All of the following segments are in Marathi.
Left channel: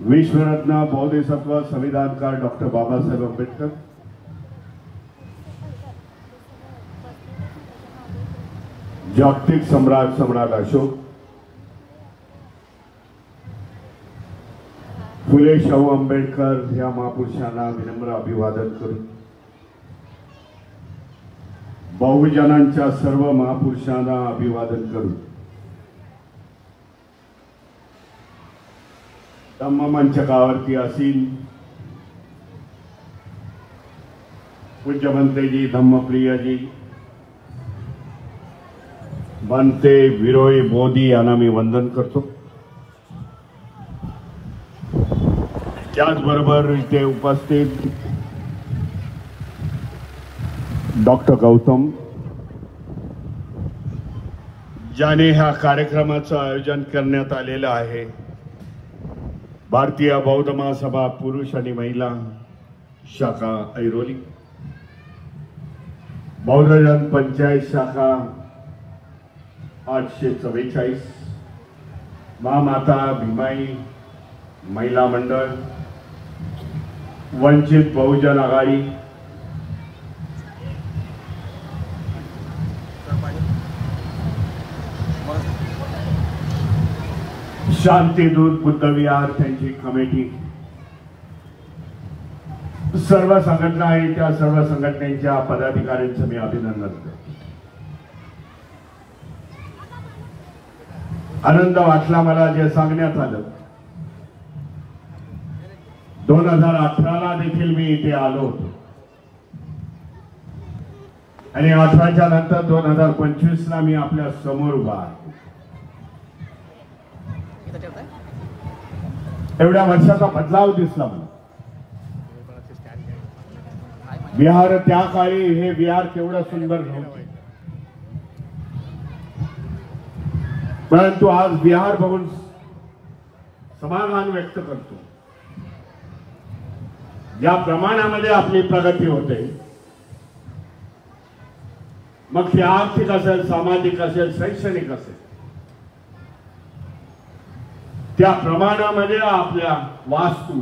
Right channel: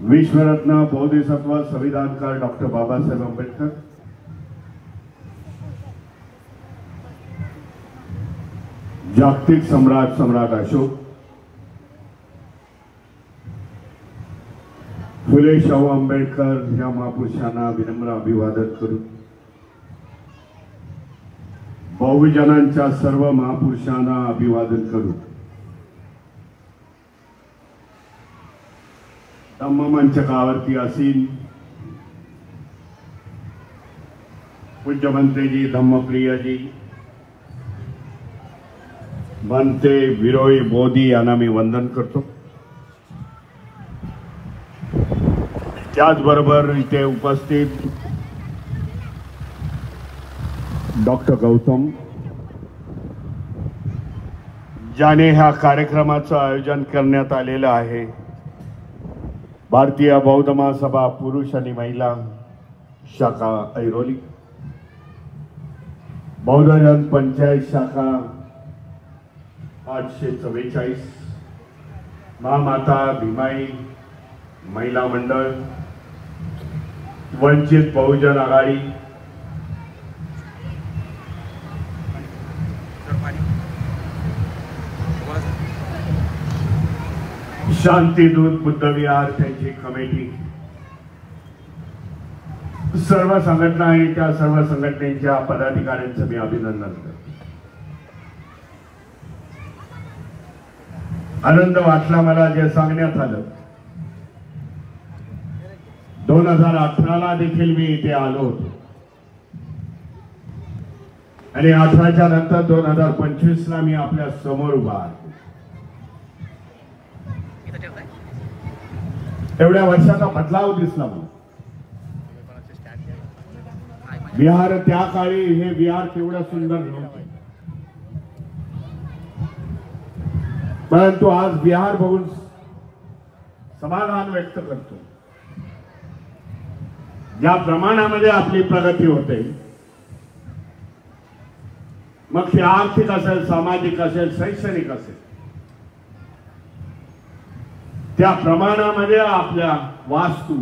विश्वरत्न बौद्धिसत्व संविधानकार डॉक्टर बाबासाहेब आंबेडकर, जागतिक सम्राट अशोक, फुले शाहू आंबेडकर या महापुरुषांना विनम्र अभिवादन करू. बहुजनांच्या सर्व महापुरुषांना अभिवादन करू. धम्ममंचकावरती असीन पूज्य मंत्रीजी, धम्मप्रियजी, बनते विरोई मोदी यांना मी वंदन करतो. त्याचबरोबर इथे उपस्थित डॉक्टर गौतम, ज्याने ह्या कार्यक्रमाचं आयोजन करण्यात आलेलं आहे, भारतीय बौद्ध महासभा पुरुष आणि महिला शाखा ऐरोली, बौद्धजन पंचायत शाखा 844, महामाता भीमाई महिला मंडळ, वंचित बहुजन आघाडी, शांतीदूत बुद्ध विहार त्यांची कमिटी, सर्व संघटना आहे, त्या सर्व संघटनेच्या पदाधिकाऱ्यांचं मी अभिनंदन करतो. आनंद वाटला मला जे सांगण्यात आलं. 2018ला देखील मी इथे आलो होतो आणि 18च्या नंतर 2025ला मी आपल्या समोर उभा आहे. एवढ्या वर्षाचा बदलाव दिसला मला. विहार त्या काळी हे विहार केवढं सुंदर नव्हते, परंतु आज विहार बघून समाधान व्यक्त करतो. ज्या प्रमाणामध्ये आपली प्रगती होते, मग ती आर्थिक असेल, सामाजिक असेल, शैक्षणिक असेल, त्या प्रमाणामध्ये आपल्या वास्तू,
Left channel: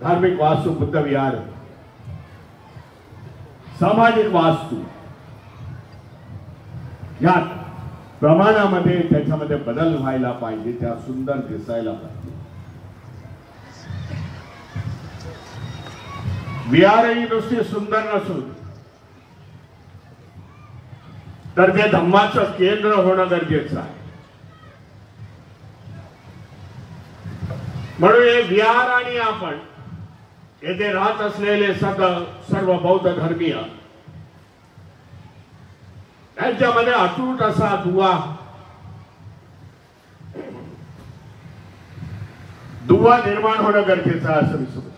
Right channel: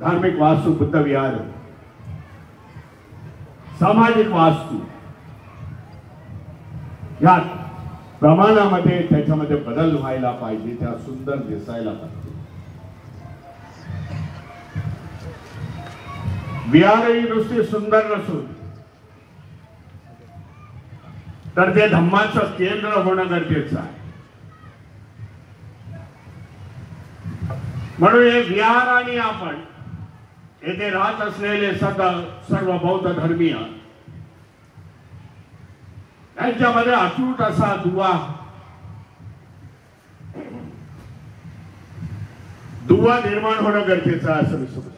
धार्मिक वास्तू, बुद्ध विहार, सामाजिक वास्तू, या प्रमाणामध्ये त्याच्यामध्ये बदल व्हायला पाहिजे, त्या सुंदर दिसायला पाहिजे. विहारही नुसती सुंदर नसून तर ते धम्माचं केंद्र होणं गरजेचं आहे. म्हणून हे विहार आणि आपण येथे राहत असलेले सर्व बौद्ध धर्मीय यांच्यामध्ये अतूट असा दुवा निर्माण होणं गरजेचं आहे असं मी समजतो.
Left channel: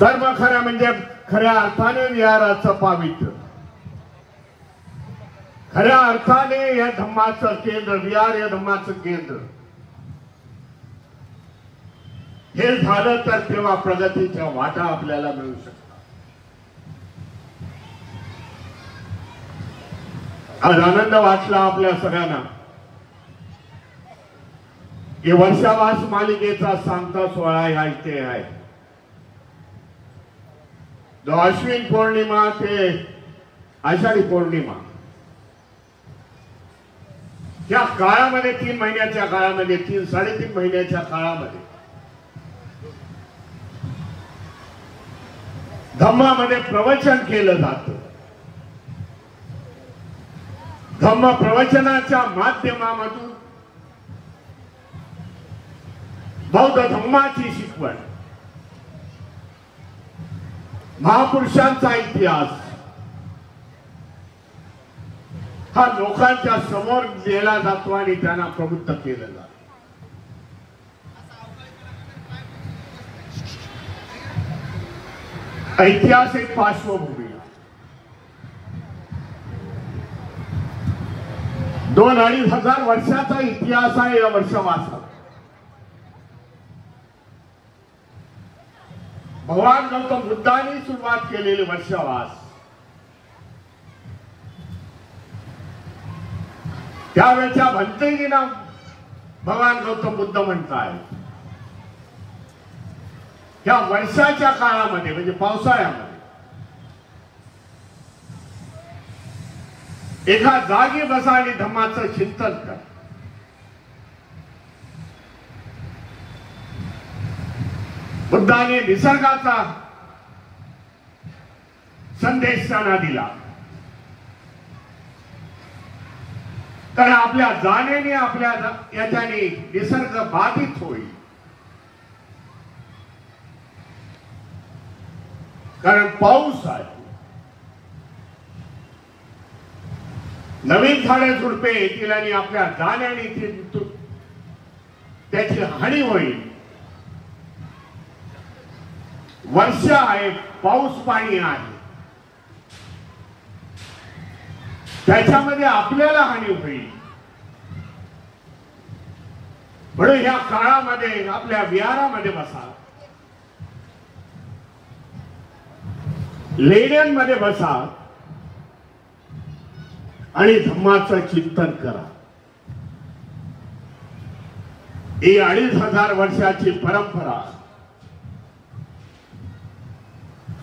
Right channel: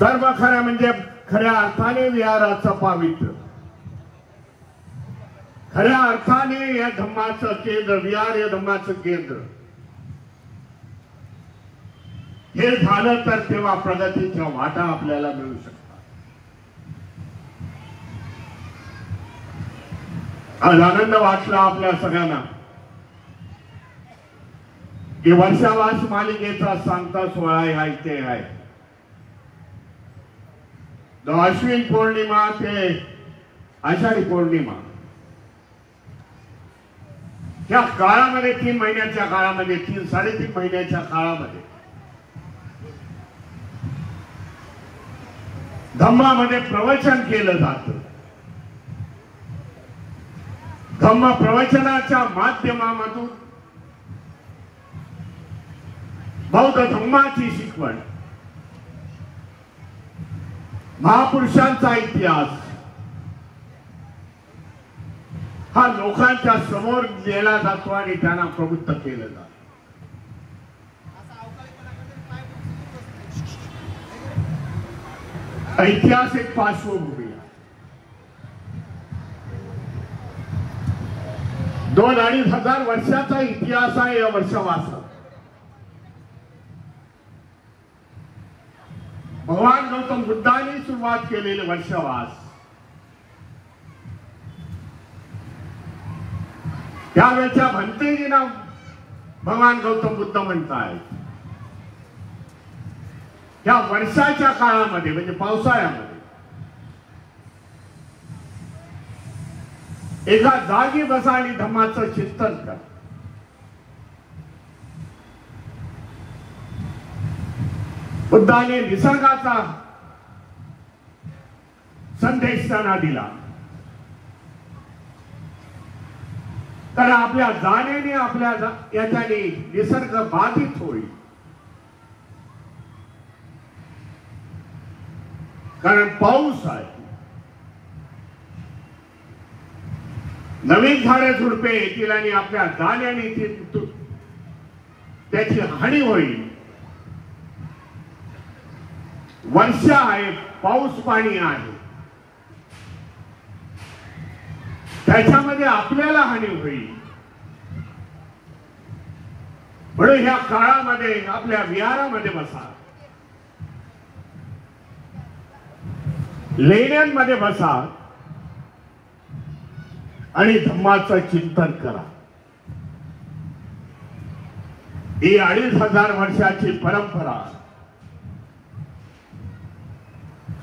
धर्म खरं म्हणजे खऱ्या अर्थाने विहाराचं पावित्र्य, खऱ्या अर्थाने या धम्माचं केंद्र, विहार या धम्माचं केंद्र हे झालं तर तेव्हा प्रगतीचा वाटा आपल्याला मिळू शकतो. आज आनंद वाटला आपल्या सगळ्यांना की वर्षावास मालिकेचा सांगता सोहळा ह्या इथे आहे. जो अश्विन पौर्णिमा ते आषाढी पौर्णिमा, त्या काळामध्ये 3 महिन्याच्या काळामध्ये, 3-3.5 महिन्याच्या काळामध्ये धम्मामध्ये प्रवचन केलं जातं. धम्म प्रवचनाच्या माध्यमामधून बौद्ध धम्माची शिकवण, महापुरुषांचा इतिहास हा लोकांच्या समोर नेला जातो आणि त्यांना प्रवृत्त केलं जातं. ऐतिहासिक पार्श्वभूमी 2-2.5 हजार वर्षाचा इतिहास आहे या वर्षावासाला. भगवान गौतम बुद्धांनी सुरुवात केलेले वर्षावास त्यावेळेच्या भंतेजींना भगवान गौतम बुद्ध म्हणतात या वर्षाच्या काळामध्ये म्हणजे पावसाळ्यामध्ये एका जागी बसा आणि धम्माचं चिंतन कर. बुद्धाने निसर्गाचा संदेश त्यांना दिला. कारण आपल्या जाणीने आपल्या याच्याने निसर्ग बाधित होईल. कारण पाऊस आहे, नवीन झाडे झुडपे येतील आणि आपल्या जाण्याने त्याची हानी होईल. वर्ष आहे, पाऊस पाणी आहे, त्याच्यामध्ये आपल्याला हानी होईल. म्हणून ह्या काळामध्ये आपल्या विहारामध्ये बसा, लेण्यांमध्ये बसा आणि धम्माचं चिंतन करा. ही 2500 वर्षाची परंपरा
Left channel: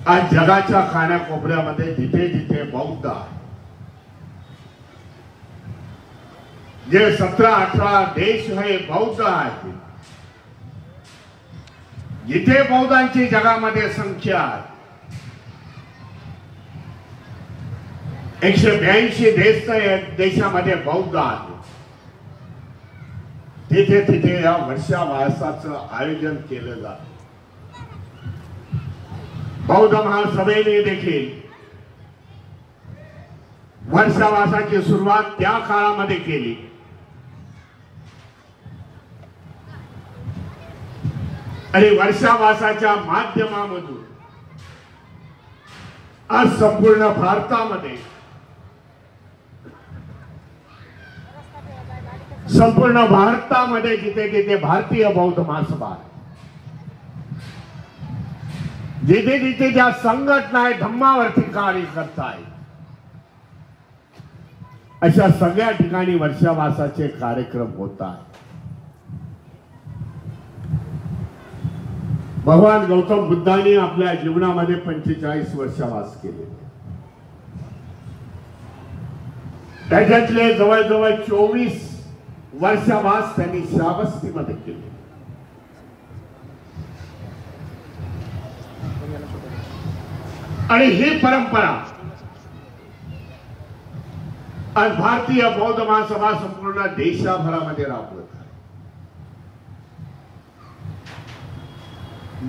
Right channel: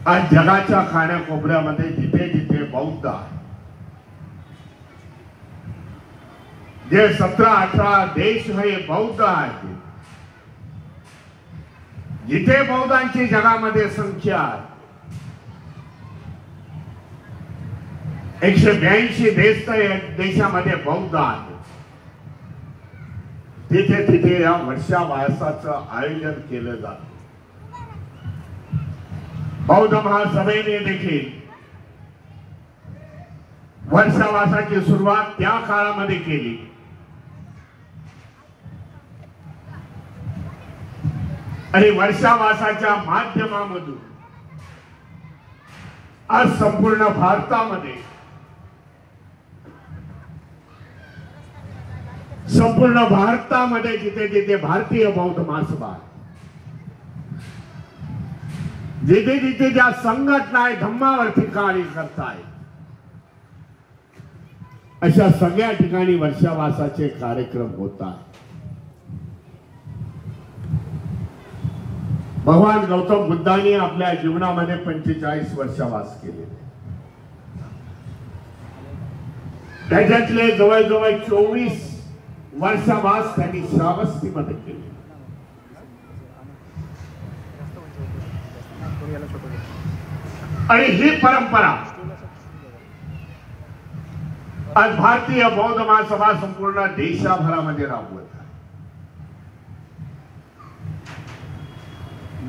आज जगाच्या कानाकोपऱ्यामध्ये जिथे जिथे बौद्ध आहे, जे 17-18 देश हे बौद्ध आहेत, जिथे बौद्धांची जगामध्ये संख्या आहे, 182 देशामध्ये बौद्ध आहेत, तिथे तिथे या वर्षावासाचं आयोजन केलं जातं. बौद्ध महासभेने देखील वर्षावासाची सुरुवात त्या काळामध्ये केली. आणि वर्षावासाच्या माध्यमामधून आज संपूर्ण भारतामध्ये जिथे जिथे भारतीय बौद्ध महासभा, जिथे जिथे ज्या संघटना आहे धम्मावरती कार्य करतायत, अशा सगळ्या ठिकाणी वर्षावासाचे कार्यक्रम होतात. भगवान गौतम बुद्धांनी आपल्या जीवनामध्ये 45 वर्षावास केले. त्याच्यातले जवळजवळ 24 वर्षावास त्यांनी श्रावस्तीमध्ये केले. आणि ही परंपरा आज भारतीय बौद्ध महासभा संपूर्ण देशभरामध्ये राबवत आहे,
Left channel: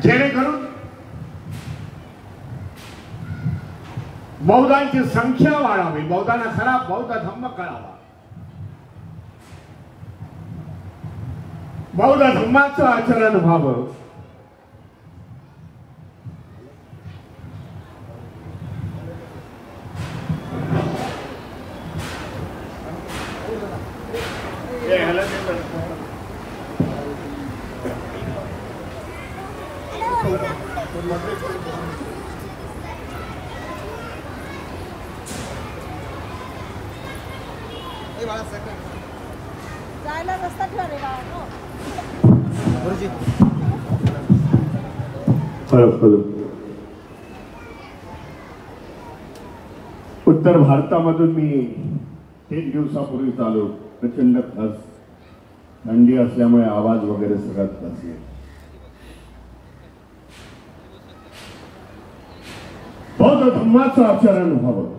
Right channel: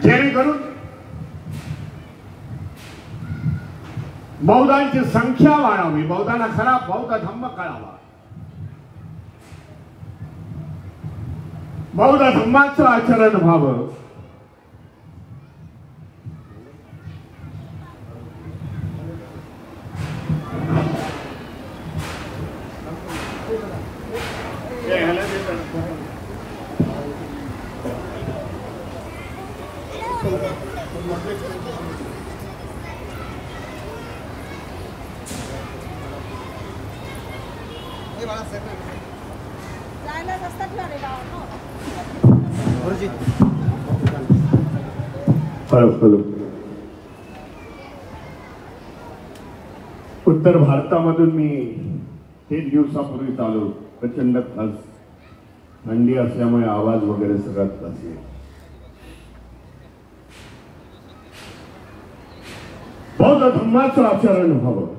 जेणेकरून बौद्धांची संख्या वाढावी, बौद्धांना खरा बौद्ध धम्म कळावा, बौद्ध धम्माचं आचरण व्हावं. उत्तर भारतामधून मी 3 दिवसापूर्वी आलो. प्रचंड थंडी असल्यामुळे आवाज वगैरे सगळ्यात असेल. बौद्ध धम्माचं आचरण व्हावं.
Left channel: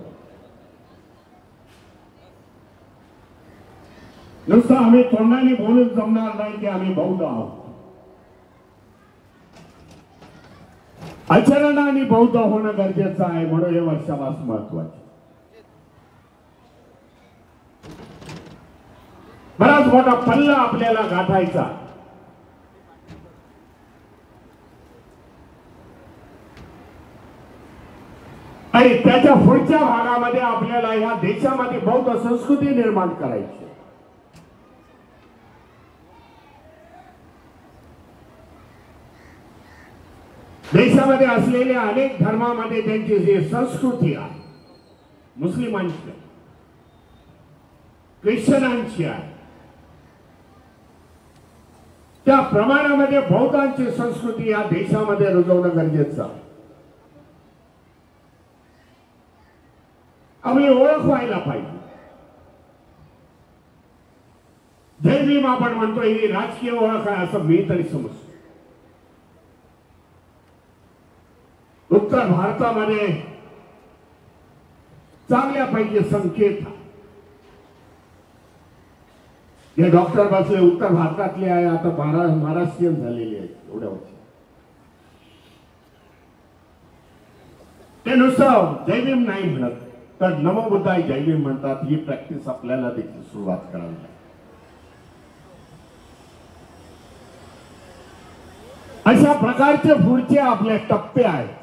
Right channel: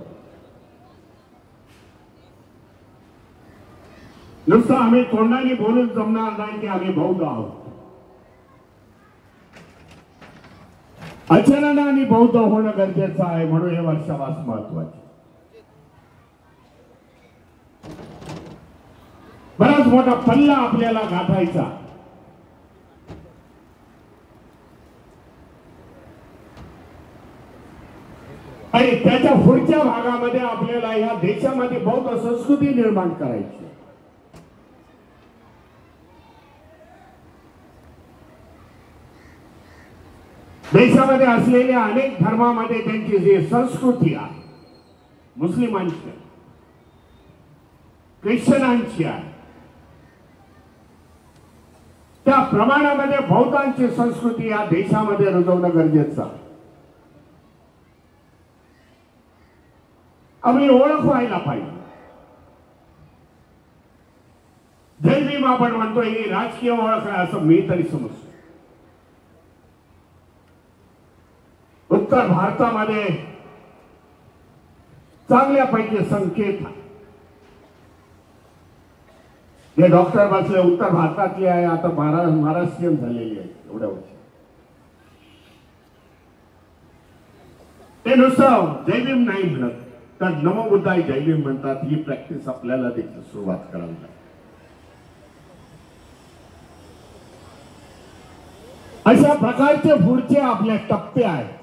नुसतं आम्ही तोंडाने बोलून जमणार नाही की आम्ही बौद्ध आहोत. आचरणाने बौद्ध होणं गरजेचं आहे. म्हणून हे वर्षावास महत्वाचे. बराच मोठा पल्ला आपल्याला गाठायचा. आणि त्याच्या पुढच्या भागामध्ये आपल्याला या देशामध्ये बौद्ध संस्कृती निर्माण करायची. देशामध्ये असलेल्या अनेक धर्मामध्ये त्यांची जी संस्कृती आहे, मुस्लिमांची आहे, ख्रिश्चनांची आहे, प्रमाणामध्ये बौद्धांची संस्कृती या देशामध्ये रुजवणं गरजेचं आहे. आम्ही ओळख व्हायला पाहिजे. जय भीम आपण म्हणतोय ही राजकीय ओळख आहे असं मी तरी समजतो. उत्तर भारतामध्ये चांगल्यापैकी संकेत हे डॉक्टर बसले उत्तर भारतातले आहे, आता महाराष्ट्रीयन झालेली आहे एवढ्या वर्ष. ते नुसतं जय भीम नाही म्हणत तर नमो बुद्धाय जय भीम म्हणतात. ही प्रॅक्टिस आपल्याला देखील सुरुवात करावी लागेल. अशा प्रकारचे पुढचे आपले टप्पे आहेत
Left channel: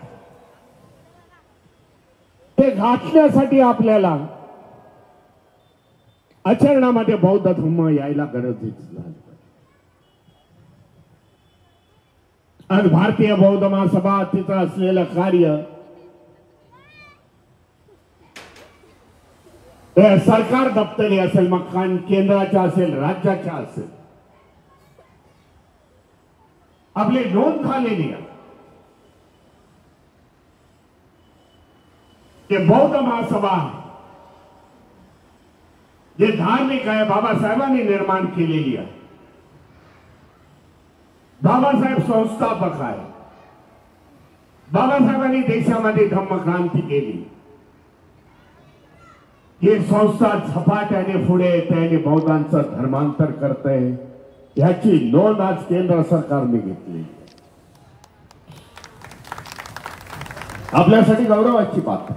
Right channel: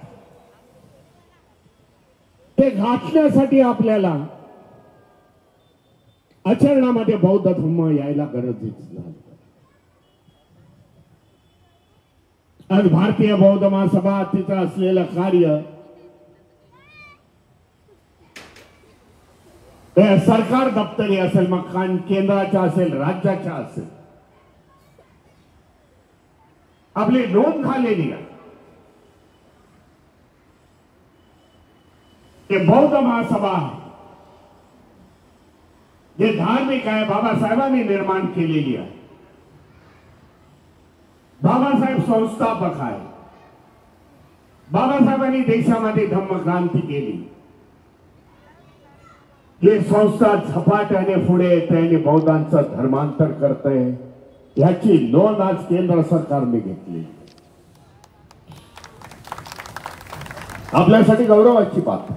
ते गाठण्यासाठी आपल्याला आचरणामध्ये बौद्ध धम्म यायला गरजेचं झालं. आज भारतीय बौद्ध महासभा तिचं असलेलं कार्य सरकार दप्तरी असेल, मग केंद्राच्या असेल, राज्याच्या असेल, आपली नोंद झालेली आहे की बौद्ध महासभा जे धार्मिक आहे बाबासाहेबांनी निर्माण केलेली आहे. बाबासाहेब संस्थापक आहे. बाबासाहेबांनी देशामध्ये धम्मक्रांती केली. ही संस्था झपाट्याने पुढे येते आणि बौद्धांचं धर्मांतर करते. याची नोंद आज केंद्र सरकारने घेतली. आपल्यासाठी गौरवाची बात.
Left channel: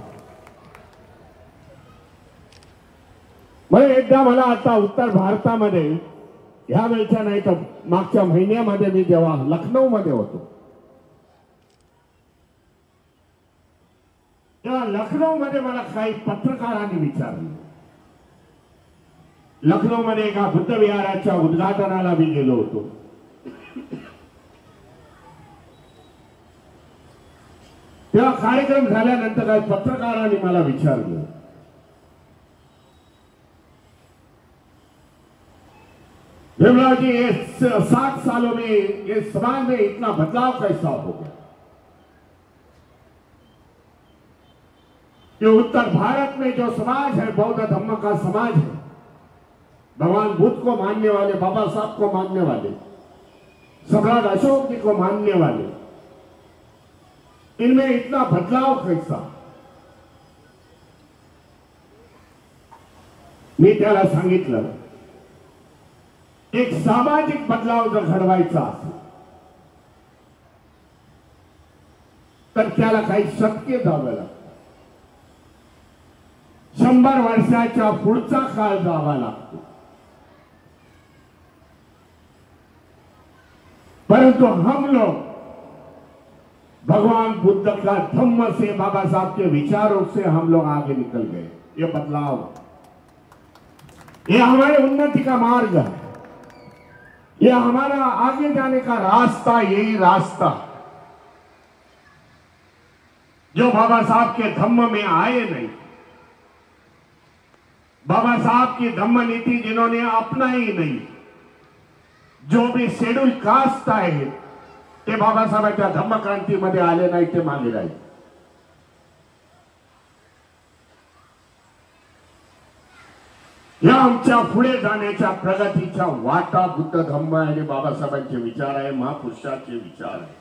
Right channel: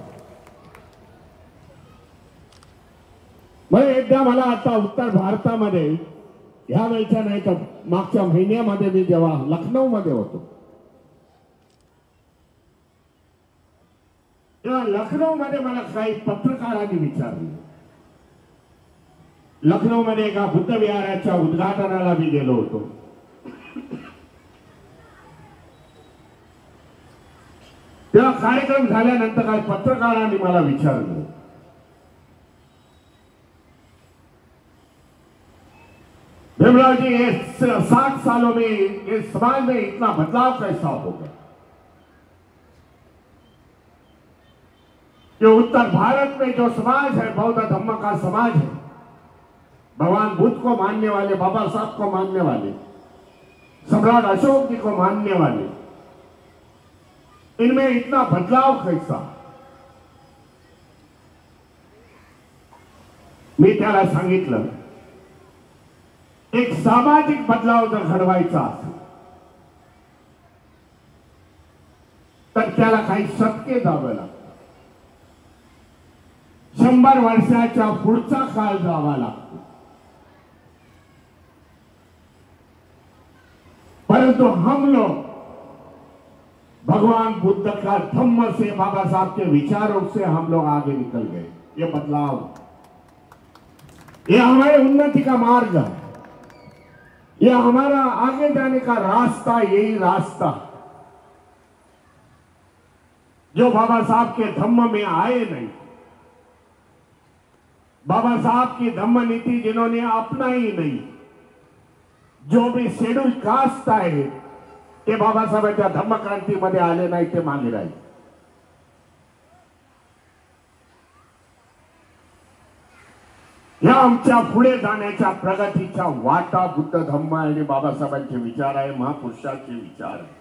मग एकदा मला आता उत्तर भारतामध्ये ह्या वेळच्या नाही तर मागच्या महिन्यामध्ये मी जेव्हा लखनौ मध्ये होतो तेव्हा लखनौ मध्ये मला काही पत्रकारांनी विचारलं. लखनौ मध्ये एका बुद्ध विहाराच्या उद्घाटनाला मी गेलो होतो. तेव्हा कार्यक्रम झाल्यानंतर काही पत्रकारांनी मला विचारलं, भीमराव जी ये 60 सालों में ये समाज में इतना बदलाव कैसा हो गया कि उत्तर भारत में जो समाज है बौद्ध धम्म का समाज है, भगवान बुद्ध को मानने वाले, बाबा साहब को मानने वाले, सम्राट अशोक जी को मानने वाले, इनमें इतना बदलाव कैसा. मी त्याला सांगितलं एक सामाजिक बदलाव जर घडवायचा असेल तर त्याला काही शतके जावं लागतं. 100 वर्षाच्या पुढचा काळ जावा लागतो. परंतु हम लोग भगवान बुद्ध का धम्म से, बाबा साहब के विचारों से हम लोग आगे निकल गए. ये बदलाव, ये हमारे उन्नति का मार्ग है. ये हमारा आगे जाने का रास्ता, यही रास्ता जो बाबा साहब के धम्म में आए नहीं, बाबा साहब की धम्म नीति जिन्होंने अपनाई नहीं, जो भी शेड्यूल कास्ट आहे ते बाबासाहेबांच्या धम्मक्रांतीमध्ये आले नाही, ते मागे राहिले. या आमच्या पुढे जाण्याच्या प्रगतीच्या वाटा बुद्ध धम्म आणि बाबासाहेबांचे विचार आहे, महापुरुषांचे विचार आहे.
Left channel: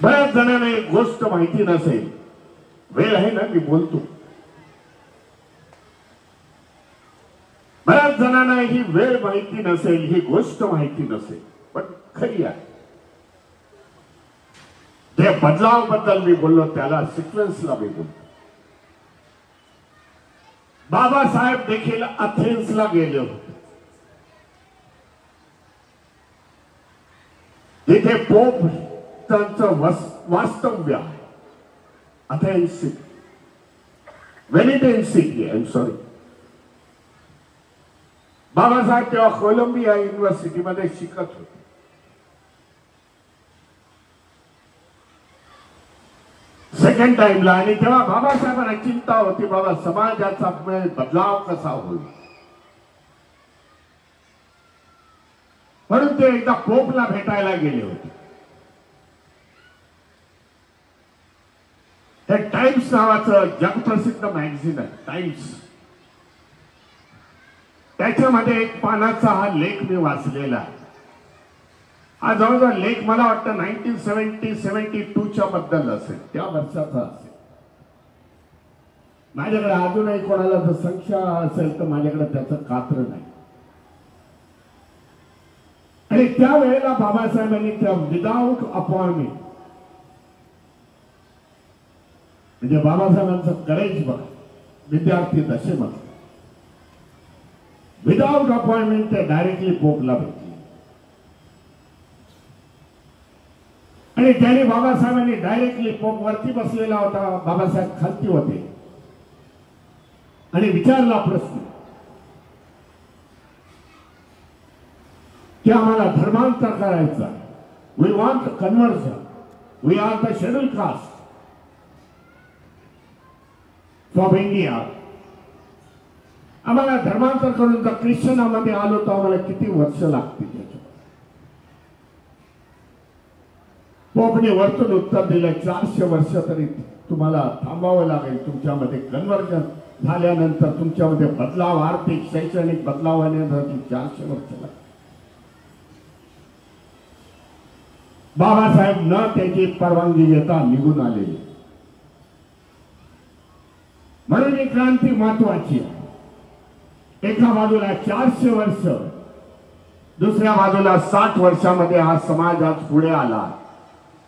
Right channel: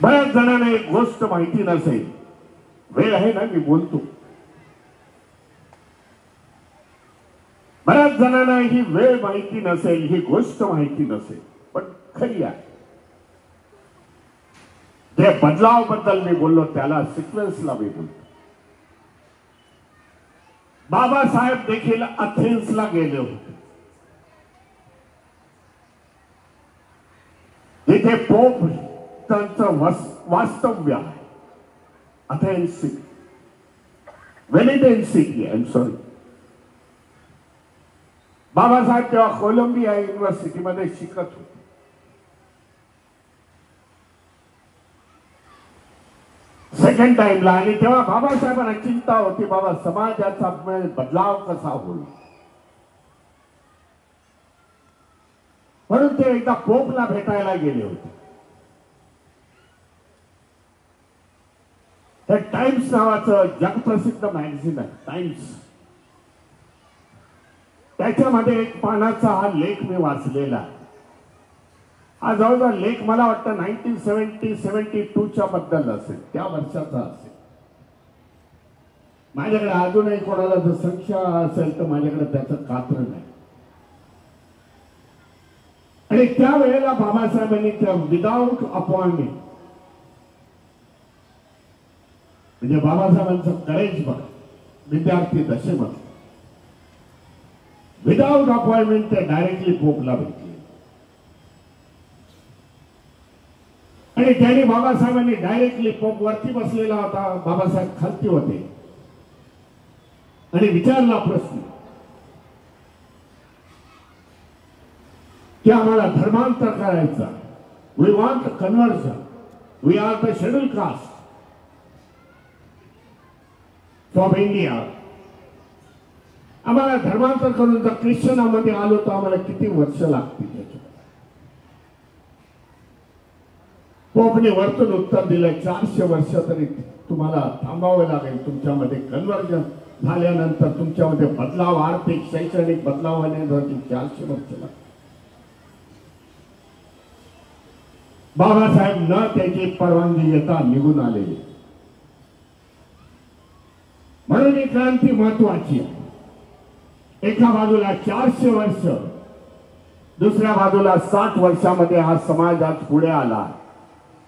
बऱ्याच जणांना एक गोष्ट माहिती नसेल, वेळ आहे ना मी बोलतो, बऱ्याच जणांना ही वेळ माहिती नसेल, ही गोष्ट माहिती नसेल, पण खरी आहे. ते बदलाव बद्दल मी बोललो, त्याला सिक्वेन्सला मी बोलतो. बाबासाहेब देखील अथेन्सला गेले होते. तिथे पोप त्यांचं वास्तव्य आहे. Athens city, Venetian city, I am sorry. Babasaheb तेव्हा कोलंबिया युनिव्हर्सिटीमध्ये शिकत होते. सेकंड टाइमला, आणि तेव्हा बाबासाहेबांना चिंता होती, बाबा समाजाचा बदलाव कसा होईल. म्हणून ते एकदा पोपला भेटायला गेले होते. हे टाइम्स नावाचं जगप्रसिद्ध मॅगझिन आहे, टाइम्स. त्याच्यामध्ये एक पानाचा हा लेख मी वाचलेला आहे. हा जवळजवळ लेख मला वाटतं 1972च्या बद्दल असेल, त्या वर्षाचा असेल. माझ्याकडे अजूनही कोणाला जर संशय असेल तर माझ्याकडे त्याचं कात्र नाही. आणि त्यावेळेला बाबासाहेबांनी त्या विदाऊट अपॉइंटमेंट, म्हणजे बाबासाहेबांचं करेज बघ, विद्यार्थी दशेमध्ये विदाऊट अपॉइंटमेंट ते डायरेक्टली पोपला भेटले. आणि त्यांनी बाबासाहेबांनी डायरेक्टली पोप वरती बसलेला होता, बाबासाहेब खालती होते, आणि विचारला प्रश्न की आम्हाला धर्मांतर करायचा, we want conversion, we are the schedule caste from India. आम्हाला धर्मांतर करून जर ख्रिश्चनामध्ये आलो तर आम्हाला किती वर्ष लागतील. त्याच्यात पोपने वरतून उत्तर दिलं, 400 वर्ष तरी तुम्हाला थांबावं लागेल. तुमच्यामध्ये कन्व्हर्जन झाल्यानंतर, तुमच्यामध्ये बदलाव, आर्थिक शैक्षणिक बदलाव होण्यासाठी 400 वर्ष लागतील. बाबासाहेब न त्याची परवानगी घेता निघून आलेले. म्हणून ही क्रांती महत्वाची आहे. एका बाजूला 400 वर्ष, दुसऱ्या बाजूला 60 वर्षामध्ये हा समाज आज पुढे आला.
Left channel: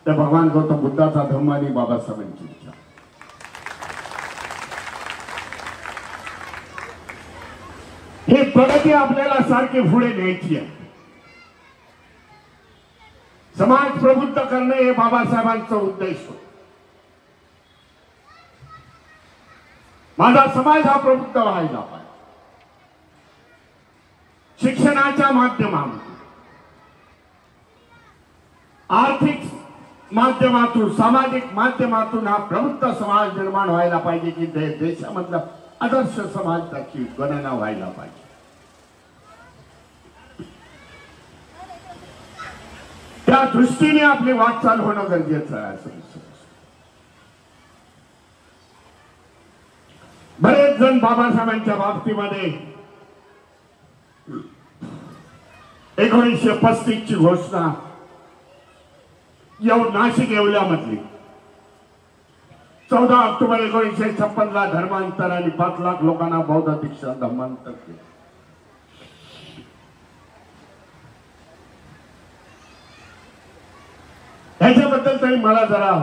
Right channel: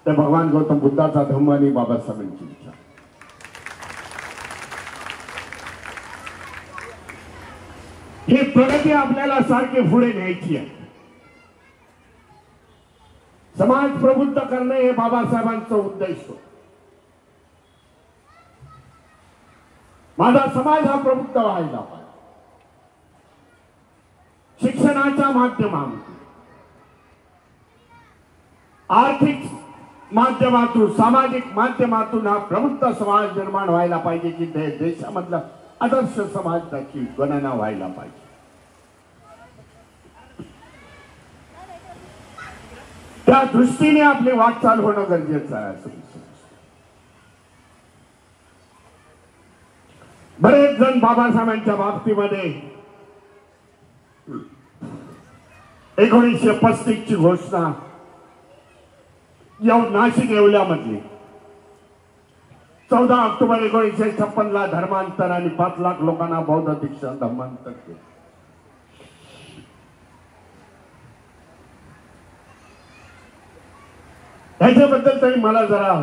तर भगवान गौतम बुद्धाचा धम्म आणि बाबासाहेबांची विचार. ही प्रगती आपल्याला सारखी पुढे न्यायची आहे. समाज प्रबुद्ध करणे हे बाबासाहेबांचा उद्देश होता. माझा समाज हा प्रबुद्ध व्हायला पाहिजे. शिक्षणाच्या माध्यमातून, आर्थिक माध्यमातून, सामाजिक माध्यमातून हा प्रबुद्ध समाज निर्माण व्हायला पाहिजे की देशामधला आदर्श समाजाची गणना व्हायला पाहिजे. त्या दृष्टीने आपली वाटचाल होणं गरजेचं आहे. असं बरेच जण बाबासाहेबांच्या बाबतीमध्ये 1935 ची घोषणा नाशिक येवल्यामधली, 14 ऑक्टोबर 1956 ला धर्मांतर आणि 5 लाख लोकांना बौद्ध दीक्षा धर्मांतर केलं. ह्याच्याबद्दल तरी मला जरा,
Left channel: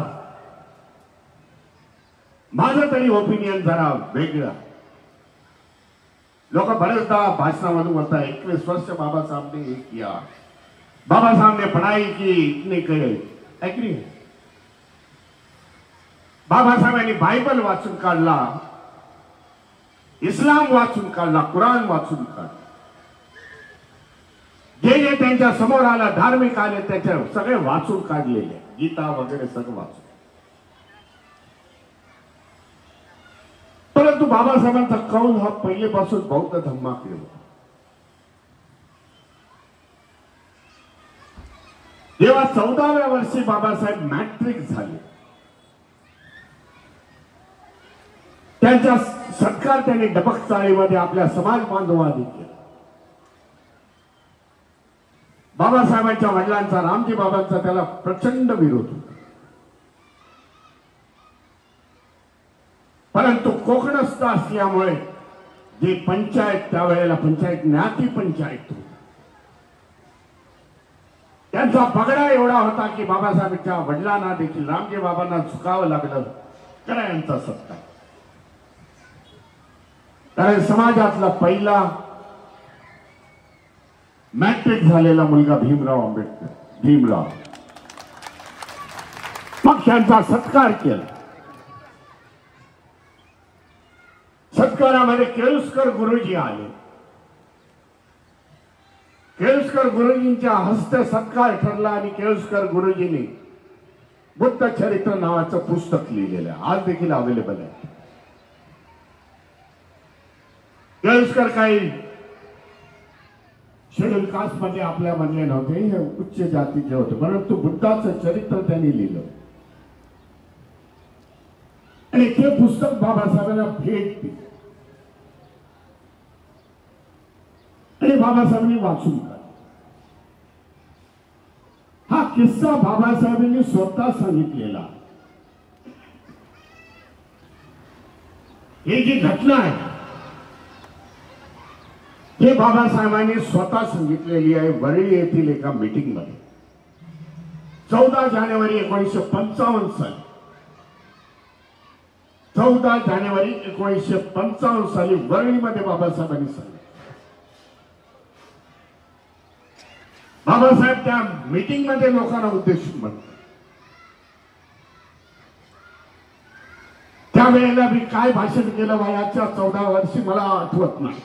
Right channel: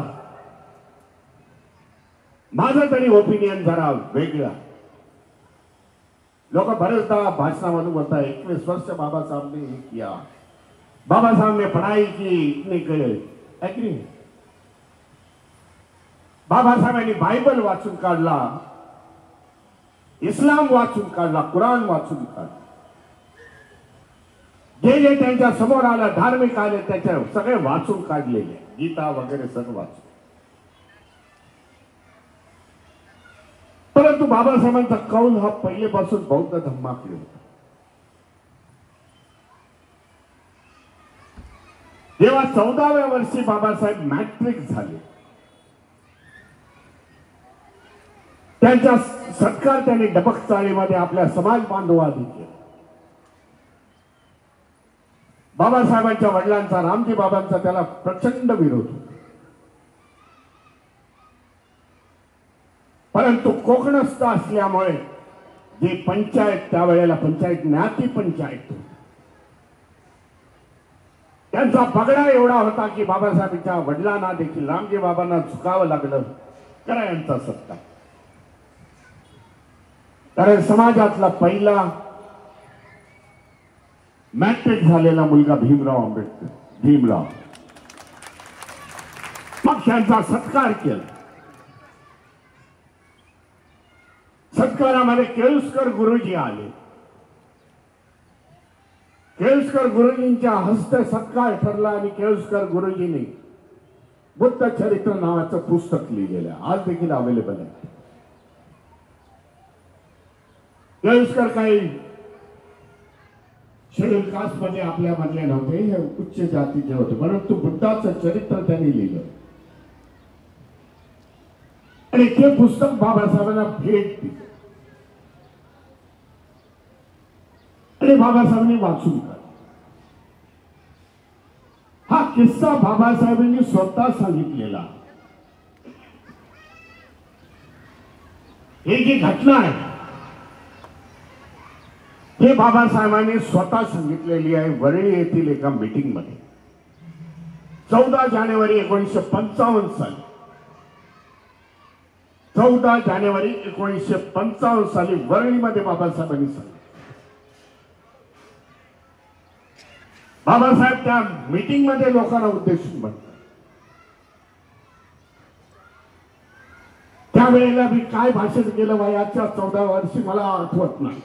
माझं तरी ओपिनियन जरा वेगळं. लोक बरेचदा भाषणामधून बोलता 21 वर्ष बाबा साहब ने किया, बाबा साहब ने पढ़ाई की, इतने करे. एग्री. बाबासाहेबांनी बायबल वाचून काढला, इस्लाम वाचून काढला, कुराण वाचून काढला. जे जे त्यांच्या समोर आला धार्मिक आले त्याच्या सगळे वाचून काढलेले, गीता वगैरे सगळं वाचून. परंतु बाबासाहेबांचा कौल हा पहिलेपासून बौद्ध धम्माकडे होता. जेव्हा 14व्या वर्षी बाबासाहेब मॅट्रिक झाले, त्यांचा सत्कार त्यांनी डबक चाळीमध्ये आपल्या समाज बांधवांनी केला. बाबासाहेबांच्या वडिलांचा, रामजी बाबांचा त्याला प्रचंड विरोध होता. परंतु कोकणस्थ असल्यामुळे जे पंचायत, त्यावेळेला पंचायत ज्ञाती पंचायत होती, त्यांचा पगडा एवढा होता की बाबासाहेबांच्या वडिलांना देखील, रामजी बाबांना झुकावं लागलं करा यांचा सत्कार. कारण समाजातला पहिला मॅट्रिक झालेला मुलगा भीमराव आंबेडकर, भीमराव, मग त्यांचा सत्कार केला. सत्कारामध्ये केळुसकर गुरुजी आले. केळुसकर गुरुजींच्या हस्ते सत्कार ठरला आणि केळुसकर गुरुजींनी बुद्ध चरित्र नावाचं पुस्तक लिहिलेलं आहे, आज देखील अवेलेबल आहे. केळुसकर काही शेड्यूल कास्ट मध्ये आपल्या मधले नव्हते, हे उच्च जातीचे होते, परंतु बुद्धाचं चरित्र त्यांनी लिहिलं आणि ते पुस्तक बाबासाहेबांना भेट दिली आणि बाबासाहेबांनी वाचून काढलं. हा किस्सा बाबासाहेबांनी स्वतः सांगितलेला. ही जी घटना आहे हे बाबासाहेबांनी स्वतः सांगितलेली आहे वरळी येथील एका मीटिंग मध्ये 14 जानेवारी 1955 साली. 14 जानेवारी 1955 साली वरळीमध्ये बाबासाहेबांनी सांगितलं. बाबासाहेब त्या मीटिंग मध्ये लोकांना उद्देशून म्हणतात, त्यावेळेला मी काय भाषण केलं वयाच्या 14 वर्षी मला आठवत नाही.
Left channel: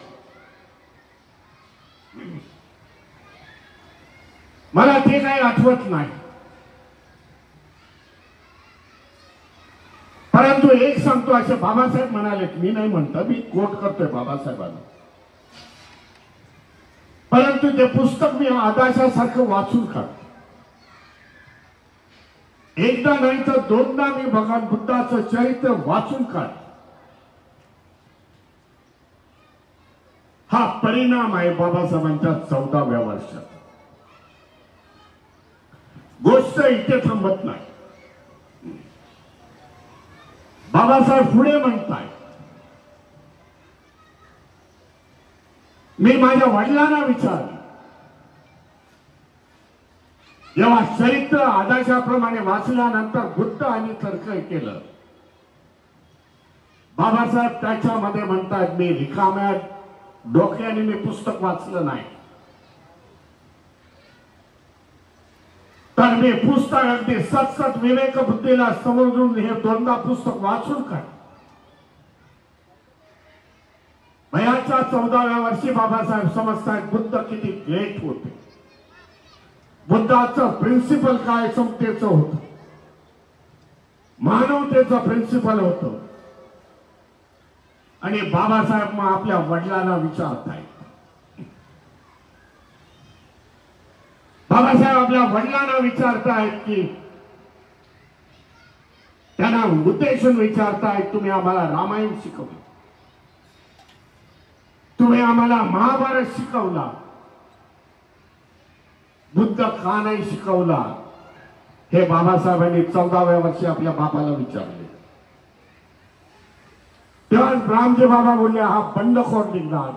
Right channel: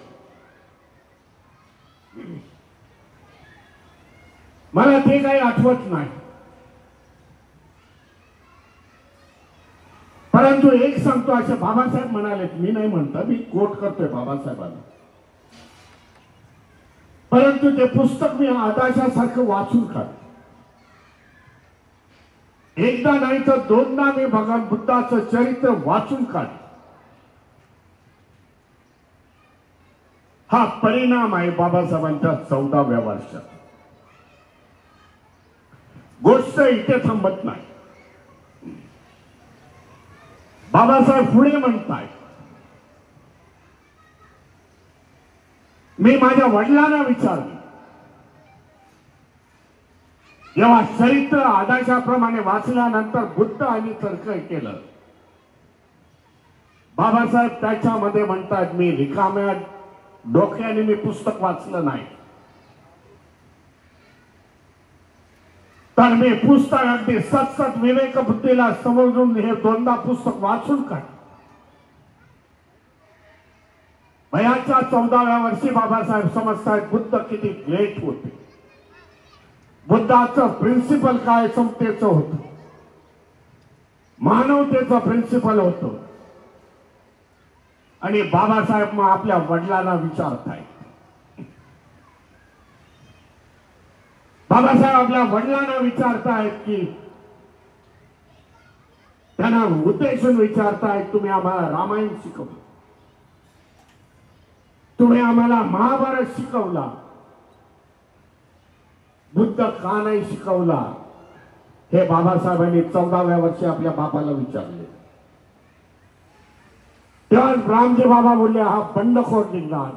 मला ते काही आठवत नाही, परंतु एक सांगतो, असे बाबासाहेब म्हणाले, मी नाही म्हणतो, मी कोट करतोय बाबासाहेबांना, परंतु ते पुस्तक मी आदाशासारखं वाचून काढतो. एकदा नाही तर दोनदा मी भगवान बुद्धाचं चरित्र वाचून काढलं. हा परिणाम आहे बाबासाहेबांच्या 14व्या वर्षात. गोष्ट इथे थांबत नाही. बाबासाहेब पुढे म्हणताय, मी माझ्या वडिलांना विचारलं, जेव्हा चरित्र आदर्शाप्रमाणे वाचल्यानंतर बुद्ध आणि तर्क केलं, बाबासाहेब त्याच्यामध्ये म्हणतात, मी रिकाम्या डोक्याने मी पुस्तक वाचलं नाही, तर मी पुस्तक अगदी सतसत विवेक बुद्धीला समजून हे दोनदा पुस्तक वाचून काढ. वयाच्या 14व्या वर्षी बाबासाहेब समजतात बुद्ध किती ग्रेट होते. बुद्धाचं प्रिन्सिपल काय समतेचं होतं, मानवतेचं प्रिन्सिपल होतं. आणि बाबासाहेब मग आपल्या वडिलांना विचारतायत, बाबासाहेब आपल्या वडिलांना विचारतायत की त्यांना उद्देशून विचारतायत, तुम्ही आम्हाला रामायण शिकवलं, तुम्ही आम्हाला महाभारत शिकवला, बुद्ध का नाही शिकवला? हे बाबासाहेबांनी 14व्या वर्षी आपल्या बापाला विचारले. तेव्हा रामजी बाबा बोलले, हा बंडखोर निघणार.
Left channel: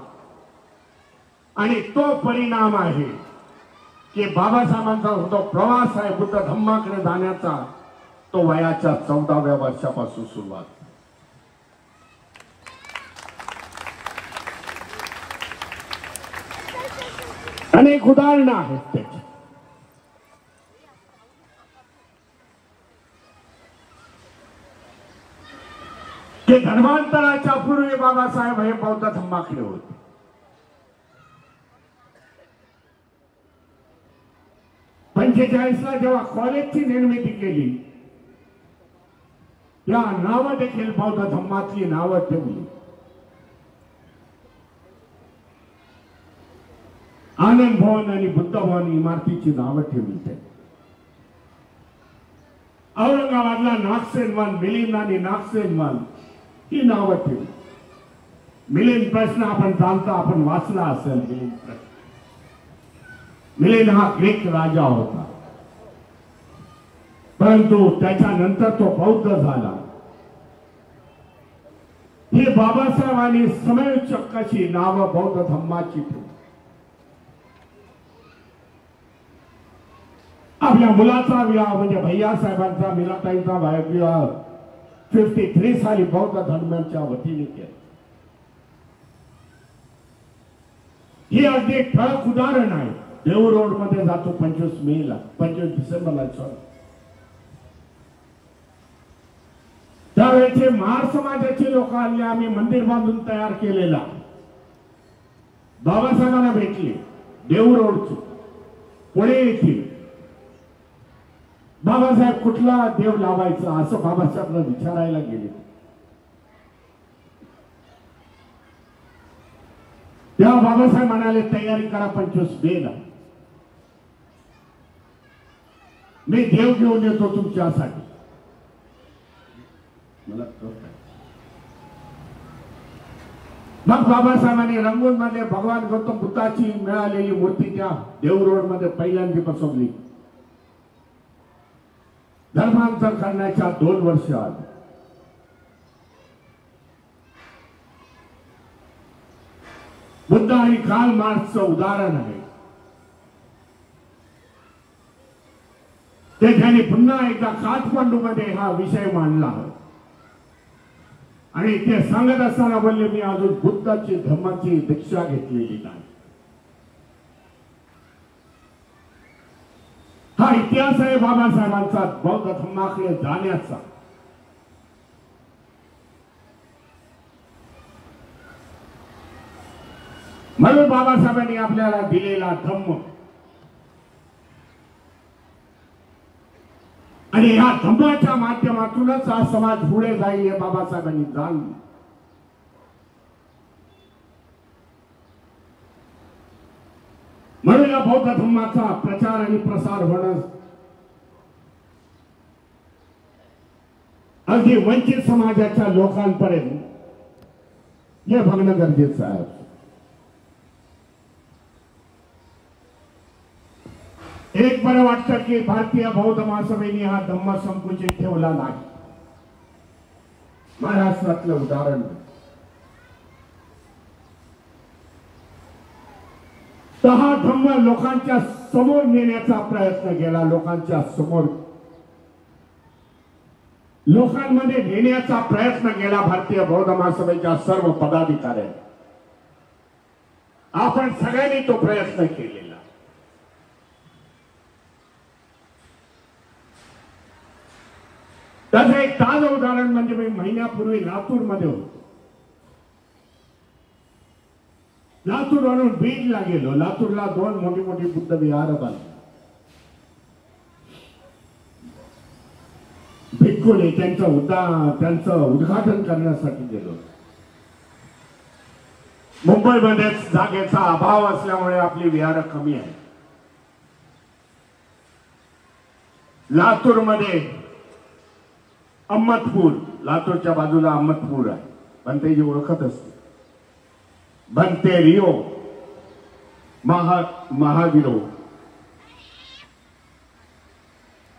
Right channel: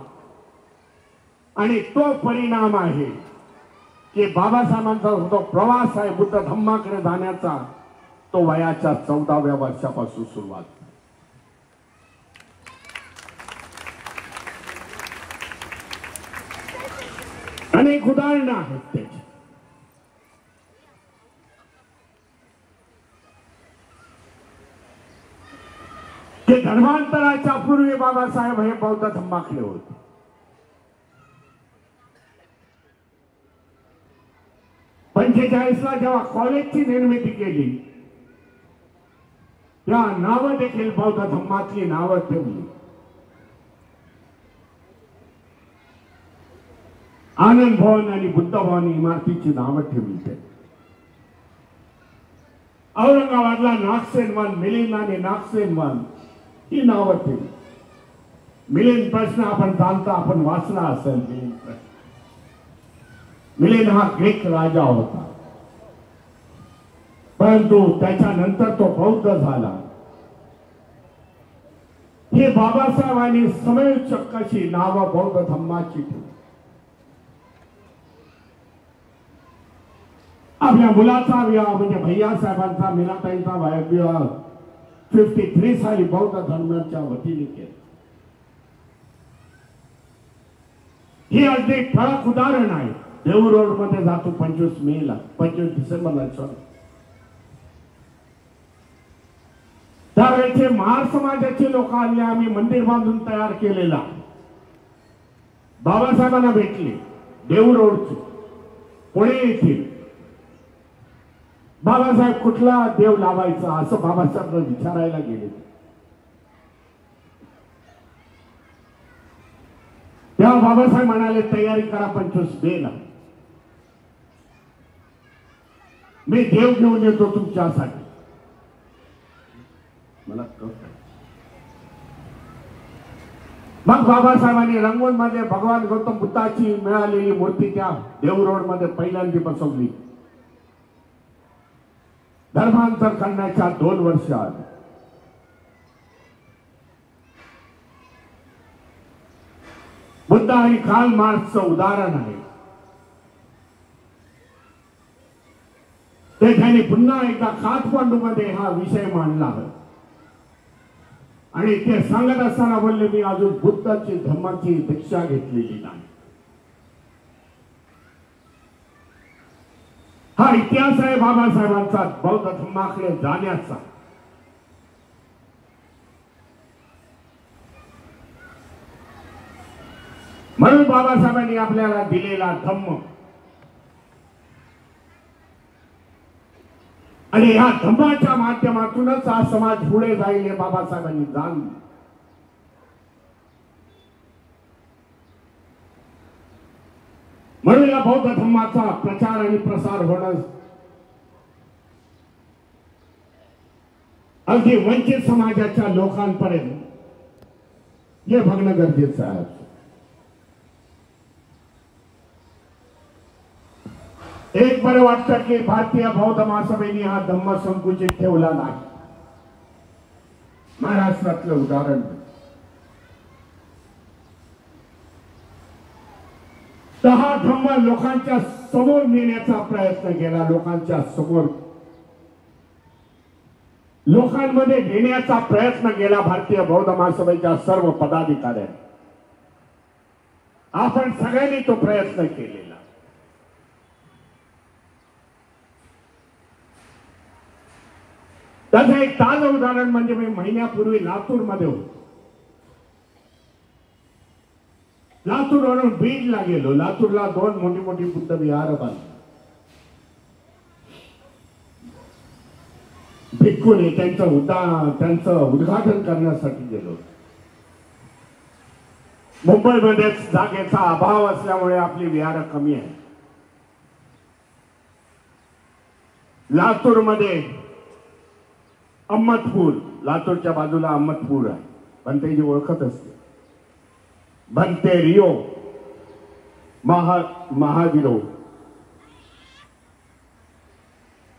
आणि तो परिणाम आहे की बाबासाहेबांचा जो प्रवास आहे बुद्ध धम्माकडे जाण्याचा, तो वयाच्या 14व्या वर्षापासून सुरुवात. अनेक उदाहरणं आहेत त्याची. ते धर्मांतराच्या पूर्वी बाबासाहेब हे बौद्ध धम्माकडे होते. ला जेव्हा कॉलेजची निर्मिती केली, त्या नावं देखील बौद्ध धम्मातली नावं ठेवली. आनंद भवन आणि बुद्ध भवन इमारतीची नावं ठेवली. ते औरंगाबादला नागसेन वन, मिलिंद आणि नागसेन वन ही नावं ठेवली. मिलिंद प्रश्न आपण जाणता, आपण वाचला असेल. मिलिंद प्रश्न, मिलिंद हा ग्रीक राजा होता, परंतु त्याच्यानंतर तो बौद्ध झाला. हे बाबासाहेबांनी समयोचित कशी नावं बौद्ध धम्माची ठेवली. आपल्या मुलाचा विवाह म्हणजे भैया साहेबांचा, मीनाताईंचा विवाह 53 साली बौद्ध धर्माच्या वतीने केला. ही अगदी ठळक उदाहरण आहे. देऊळ रोड मध्ये जातो 25 मेला, 25 डिसेंबरला. त्यावेळेचे महार समाजाचे लोक आले, आम्ही मंदिर बांधून तयार केलेला. बाबासाहेबांना भेटले देऊळ रोडचे, पुणे येथील बाबासाहेब कुठला देव लावायचा असं बाबासाहेबला विचारायला गेले. तेव्हा बाबासाहेब म्हणाले तयारी करा 25 मेला मी देव घेऊन येतो तुमच्यासाठी. मला मग बाबासाहेबांनी रंगून मध्ये भगवान गौतम बुद्धाची मिळालेली मूर्ती त्या देव रोड मध्ये पहिल्यांदा बसवली. धर्मांतर करण्याच्या 2 वर्षात बुद्ध आणि कार्ल मार्क्सचं उदाहरण आहे. ते त्यांनी पुन्हा एकदा काठमांडू मध्ये हा विषय मांडला आणि ते सांगत असताना बोलले मी अजून बुद्धाची धम्माची दीक्षा घेतलेली नाही. हा इतिहास आहे बाबासाहेबांचा बौद्ध धम्माकडे जाण्याचा. म्हणून बाबासाहेबांनी आपल्याला दिलेला धम्म आणि या धम्माच्या माध्यमातूनच हा समाज पुढे जाईल हे बाबासाहेबांनी जाणलं. म्हणून या बौद्ध धम्माचा प्रचार आणि प्रसार होणं अगदी वंचित समाजाच्या लोकांपर्यंत हे बघणं गरजेचं आहे. एक बरं वाटतं की भारतीय बौद्ध महासभेने हा धम्म संकुचित ठेवला नाही. महाराष्ट्रातलं उदाहरण तर हा धम्म लोकांच्या समोर नेण्याचा प्रयत्न केला. लोकांमध्ये नेण्याचा प्रयत्न केला भारतीय बौद्ध महासभेच्या सर्व पदाधिकाऱ्यांनी. आपण सगळ्यांनी तो प्रयत्न केलेला. त्याचं एक ताजं उदाहरण म्हणजे मी महिन्यापूर्वी लातूर मध्ये होतो. लातूरवरून बीडला गेलो. लातूरला 2 मोठी मोठी बुद्ध विहार बांधली. भिक्खूने त्यांचं उद्घाटन करण्यासाठी गेलो. मुंबईमध्ये जागेचा अभाव असल्यामुळे आपली विहार कमी आहे. लातूरमध्ये अहमदपूर, लातूरच्या बाजूला अहमदपूर आहे. बनतेजी ओळखत असते. बनते रिओ महावीरो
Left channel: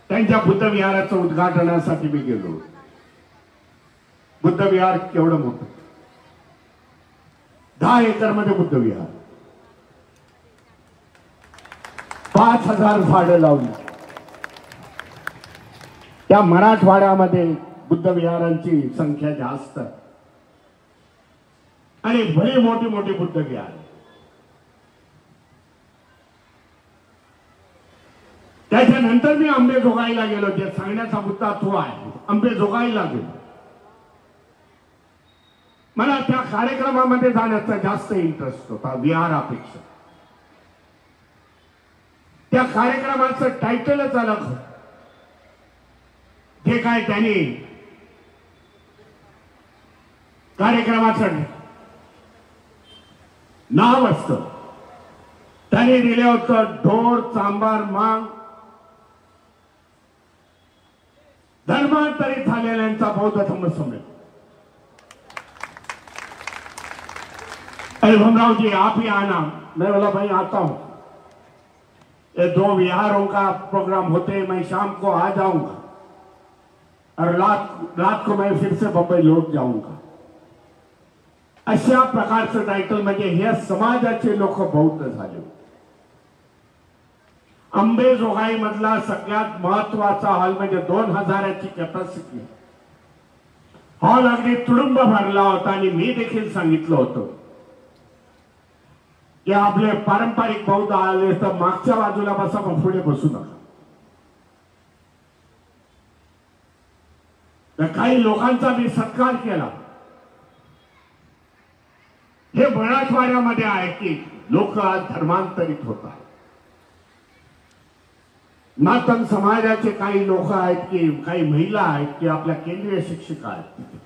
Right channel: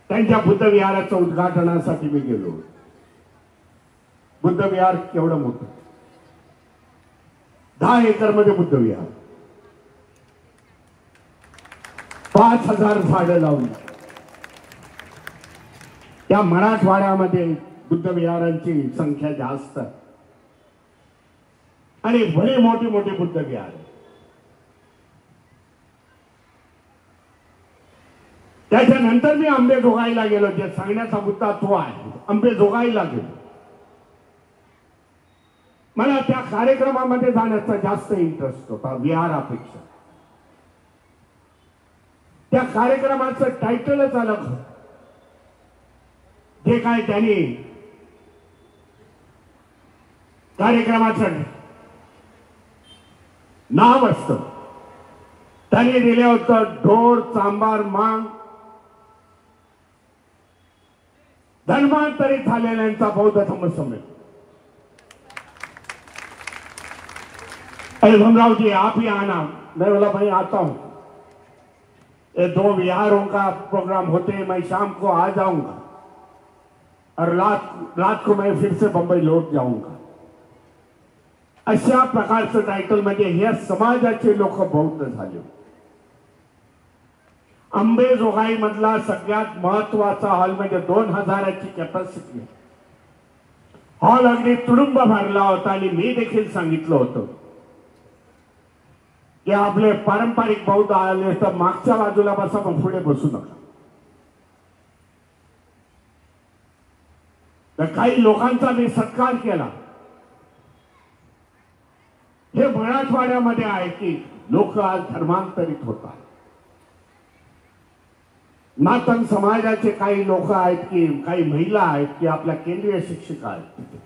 त्यांच्या बुद्ध विहाराचं उद्घाटनासाठी मी गेलो. बुद्ध विहार केवढं मोठं, 10 एकर मध्ये बुद्ध विहार, 5000 झाडं लावली. त्या मराठवाड्यामध्ये बुद्ध विहारांची संख्या जास्त आणि भली मोठी मोठी बुद्ध विहार. त्याच्यानंतर मी अंबेजोगाईला गेलो. जे सांगण्याचा मुद्दा तो आहे. अंबेजोगाईला गेलो. मला त्या कार्यक्रमामध्ये जाण्याचा जास्त इंटरेस्ट होता विहारापेक्षा. त्या कार्यक्रमाचं टायटलच अलग होतं. जे काय त्यांनी कार्यक्रमाचं नाव असतं त्यांनी दिलं होतं ढोर चांबार मांग धर्मांतरित झालेल्यांचा बौद्ध धम्म सम्मेलन. अरे भमराव जी आप ही आना. मैं बोला भाई आता हूं. ये 2 विहारों का प्रोग्राम होते, मैं शाम को आ जाऊंगा और रात को मैं फिर से बंबई लौट जाऊंगा. अशा प्रकारचं टायटल म्हणजे हे समाजाचे लोक बौद्ध झाले. अंबेजोगाई मधला सगळ्यात महत्वाचा हॉल म्हणजे 2000ची कॅपॅसिटी. हॉल अगदी तुडुंब भरला होता आणि मी देखील सांगितलं होतं की आपले पारंपरिक बौद्ध आले तर मागच्या बाजूला बसा, पण पुढे बसू नका. तर काही लोकांचा मी सत्कार केला. हे मराठवाड्यामध्ये आहे की लोक आज धर्मांतरित होतात. मातंग समाजाचे काही लोक आहेत की काही महिला आहेत की आपल्या केंद्रीय शिक्षिका आहेत,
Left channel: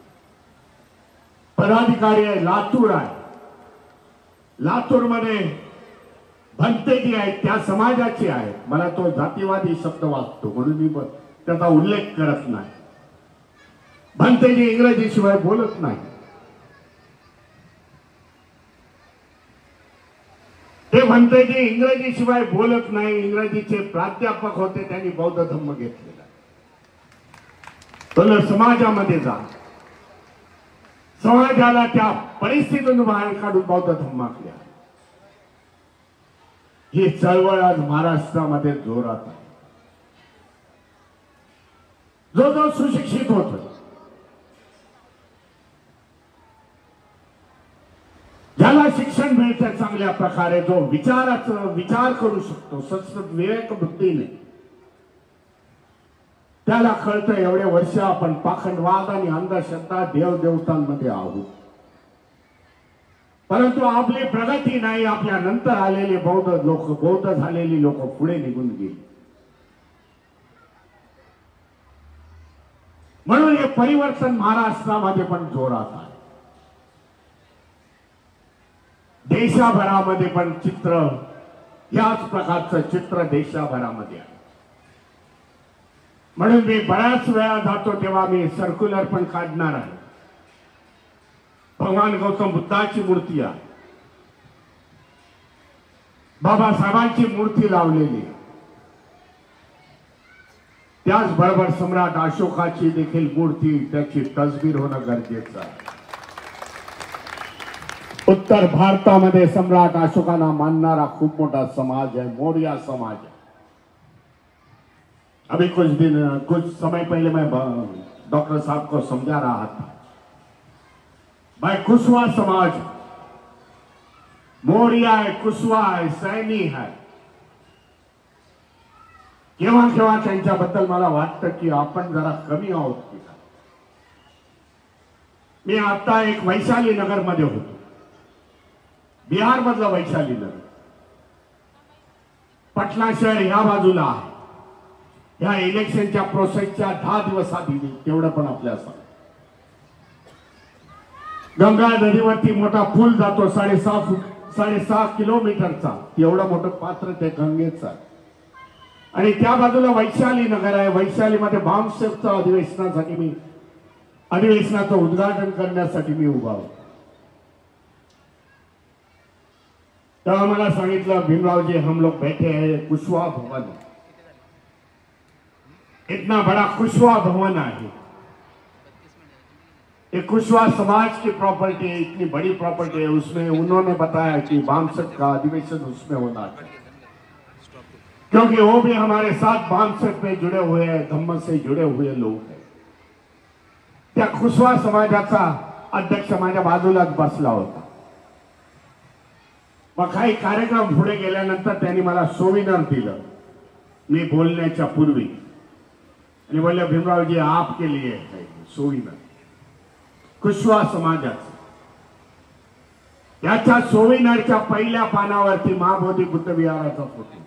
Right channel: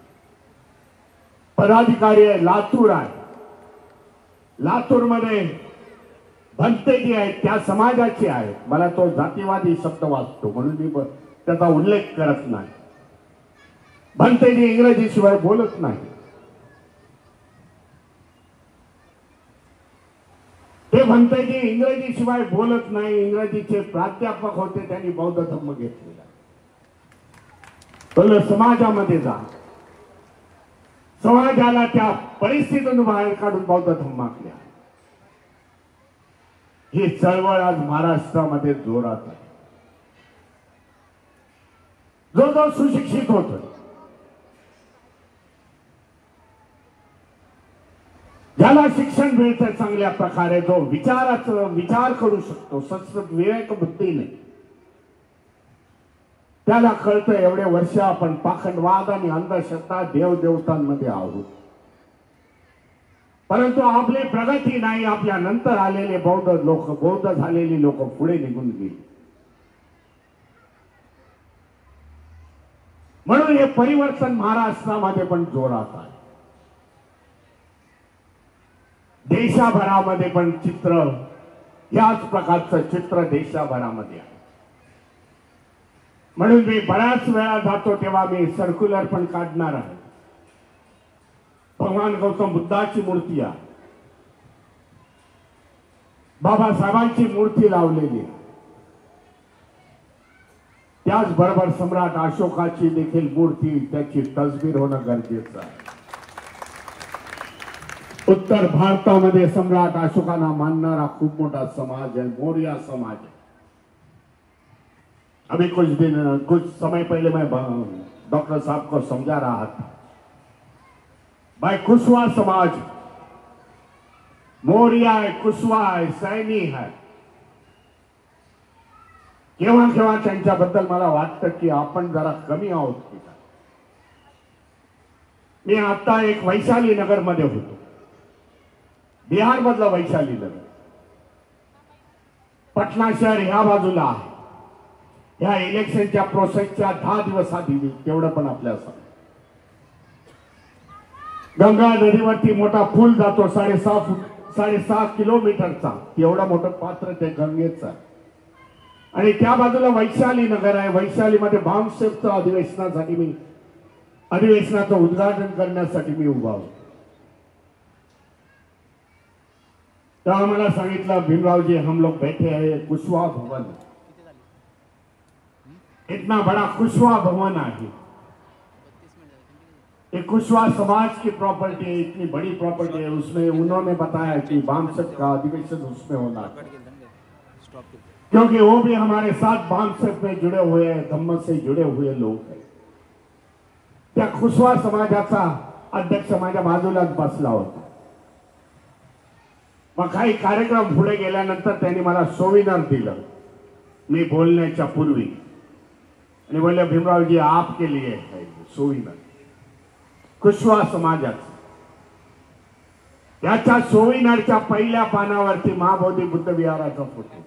पदाधिकारी आहे, लातूर आहे. लातूरमध्ये भंते जी आहेत त्या समाजाचे आहेत. मला तो जातीवादी शब्द वाचतो म्हणून मी त्याचा उल्लेख करत नाही. भंतेजी इंग्रजी शिवाय बोलत नाही. ते भंतेजी इंग्रजी शिवाय बोलत नाही. इंग्रजीचे प्राध्यापक होते, त्यांनी बौद्ध धम्म घेतलेला. तर समाजामध्ये जा, समाजाला त्या परिस्थितीतून बाहेर काढून बौद्ध धम्मातल्या ही चळवळ आज महाराष्ट्रामध्ये जोरात आहे. जो जो सुशिक्षित होतोय, ज्याला शिक्षण मिळतं चांगल्या प्रकारे, जो विचार करू शकतो सतत विवेक बुद्धीने, त्याला कळतं एवढे वर्ष आपण पाखंडवाद आणि अंधश्रद्धा देवदेवतांमध्ये आहोत. परंतु आपली प्रगती नाही. आपल्या नंतर आलेले बौद्ध झालेली लोक पुढे निघून गेली. म्हणून हे परिवर्तन महाराष्ट्रामध्ये पण जोरात आहे. देशाभरामध्ये पण चित्र, याच प्रकारचं चित्र देशाभरामध्ये आहे. म्हणून मी बऱ्याच वेळा जातो तेव्हा मी सर्क्युलर पण काढणार आहे. भगवान गौतम बुद्धाची मूर्ती आहे, बाबासाहेबांची मूर्ती लावलेली, त्याचबरोबर सम्राट अशोकाची देखील मूर्ती, त्याची तस्वीर होणं गरजेचं आहे. उत्तर भारतामध्ये सम्राट अशोकांना मानणारा खूप मोठा समाज है, मौर्य समाज है. अभी कुछ समय पहले मैं डॉक्टर साहब को समझा रहा था, भाई कुशवा समाज मौर्य है, कुशवा है, सैनी है. केव्हा केव्हा त्यांच्याबद्दल मला वाटतं की आपण जरा कमी आहोत की काय. मी आता एक वैशाली नगर मध्ये होतो, बिहार मधलं वैशाली नगर. पटना शहर ह्या बाजूला आहे. ह्या इलेक्शनच्या प्रोसेसच्या 10 दिवस आधी तेवढं पण आपल्या सांग. गंगा नदीवरती मोठा पूल जातो, 6.5 किलोमीटरचा. एवढं मोठं पात्र ते गंगेचं आहे. आणि त्या बाजूला वैशाली नगर आहे. वैशालीमध्ये बामसेफचं अधिवेशनाचं उद्घाटन करण्यासाठी मी उभा होतो. तेव्हा मला सांगितलं, भीमरावजी हम लोग बैठे हैं कुशवा भवन, इतना बड़ा कुशवा भवन है, ये कुशवा समाज की प्रॉपर्टी है, इतनी बड़ी प्रॉपर्टी है. उसमें उन्होंने बताया कि बामसेफ का अधिवेशन उसमें होना चाहिए, क्योंकि वो भी हमारे साथ बामसेफ में जुड़े हुए हैं, धम्म से जुड़े हुए लोग हैं. त्या कुशवा समाजाचा अध्यक्ष माझ्या बाजूलाच बसला होता. मग काही कार्यक्रम पुढे गेल्यानंतर त्यांनी मला सोविनर दिलं मी बोलण्याच्या पूर्वी, आणि बोलले, भीमरावजी आपके लिए है सोविनर, कुशवा समाजाचं. त्याच्या सोविनरच्या पहिल्या पानावरती महाबोधी बुद्ध विहाराचा फोटो,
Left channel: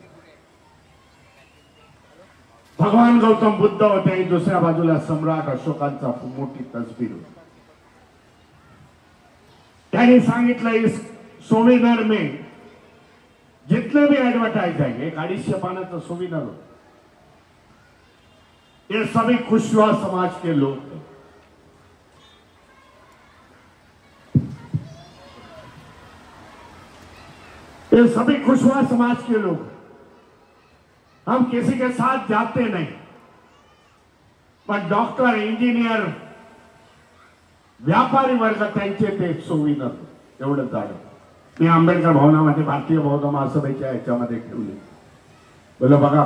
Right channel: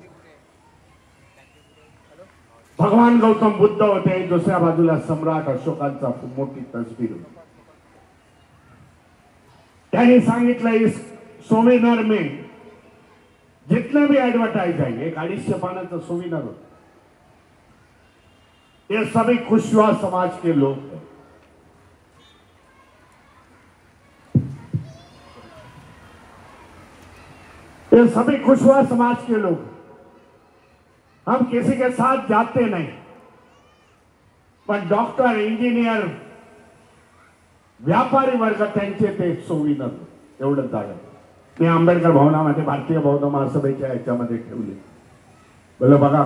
भगवान गौतम बुद्ध होते, दुसऱ्या बाजूला सम्राट अशोकांचा मोठी तस्वीर होती. त्यांनी सांगितलं, इस सोविनर में जितने भी एडवर्टाइज है, 150 पानाचं सोविनर होतं, ये सभी कुशवा समाज के लोग हैं. ये सभी कुशवा समाज के लोग. हम किसी के साथ जाते नहीं, पण डॉक्टर, इंजिनियर, व्यापारी वर्ग त्यांचे ते सोविनर एवढं जाणं. मी आंबेडकर भवनामध्ये भारतीय बौद्ध महासभेच्या याच्यामध्ये ठेवले. बोले बघा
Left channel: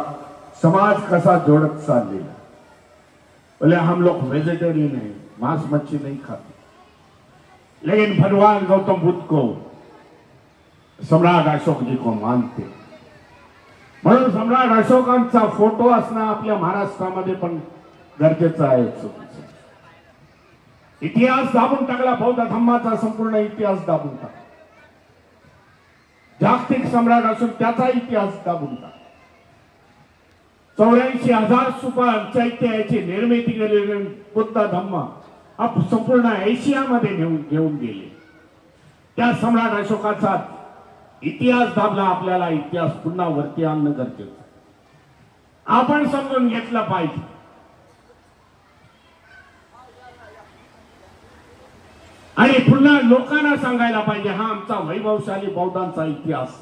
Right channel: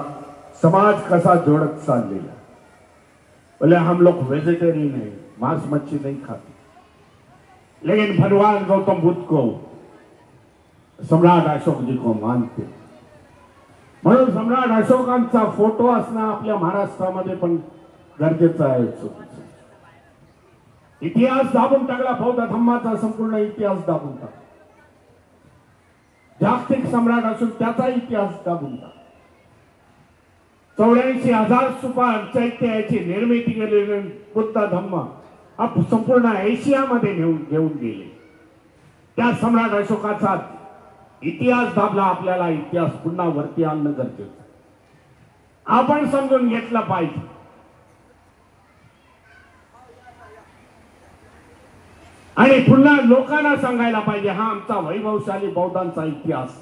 समाज कसा जोड़त चाललेला. बोले हम लोग वेजिटेरियन है, मांस मच्छी नहीं खाते, लेकिन भगवान गौतम बुद्ध को, सम्राट अशोक जी को मानते. म्हणून सम्राट अशोकांचा फोटो असणं आपल्या महाराष्ट्रामध्ये पण गरजेचं आहे. इतिहास दाबून टाकला, बौद्ध धम्माचा संपूर्ण इतिहास दाबून टाकला. जागतिक सम्राट असून त्याचा इतिहास दाबून टाकला. 84,000 सुपार चैत्याची निर्मिती केलेली बुद्ध धम्म संपूर्ण एशियामध्ये घेऊन गेले. त्या सम्राट अशोकाचा इतिहास दाबला. आपल्याला इतिहास पुन्हा वरती आणणं गरजेचं. आपण समजून घेतलं पाहिजे. आणि पुन्हा लोकांना सांगायला पाहिजे हा आमचा वैभवशाली बौद्धांचा इतिहास,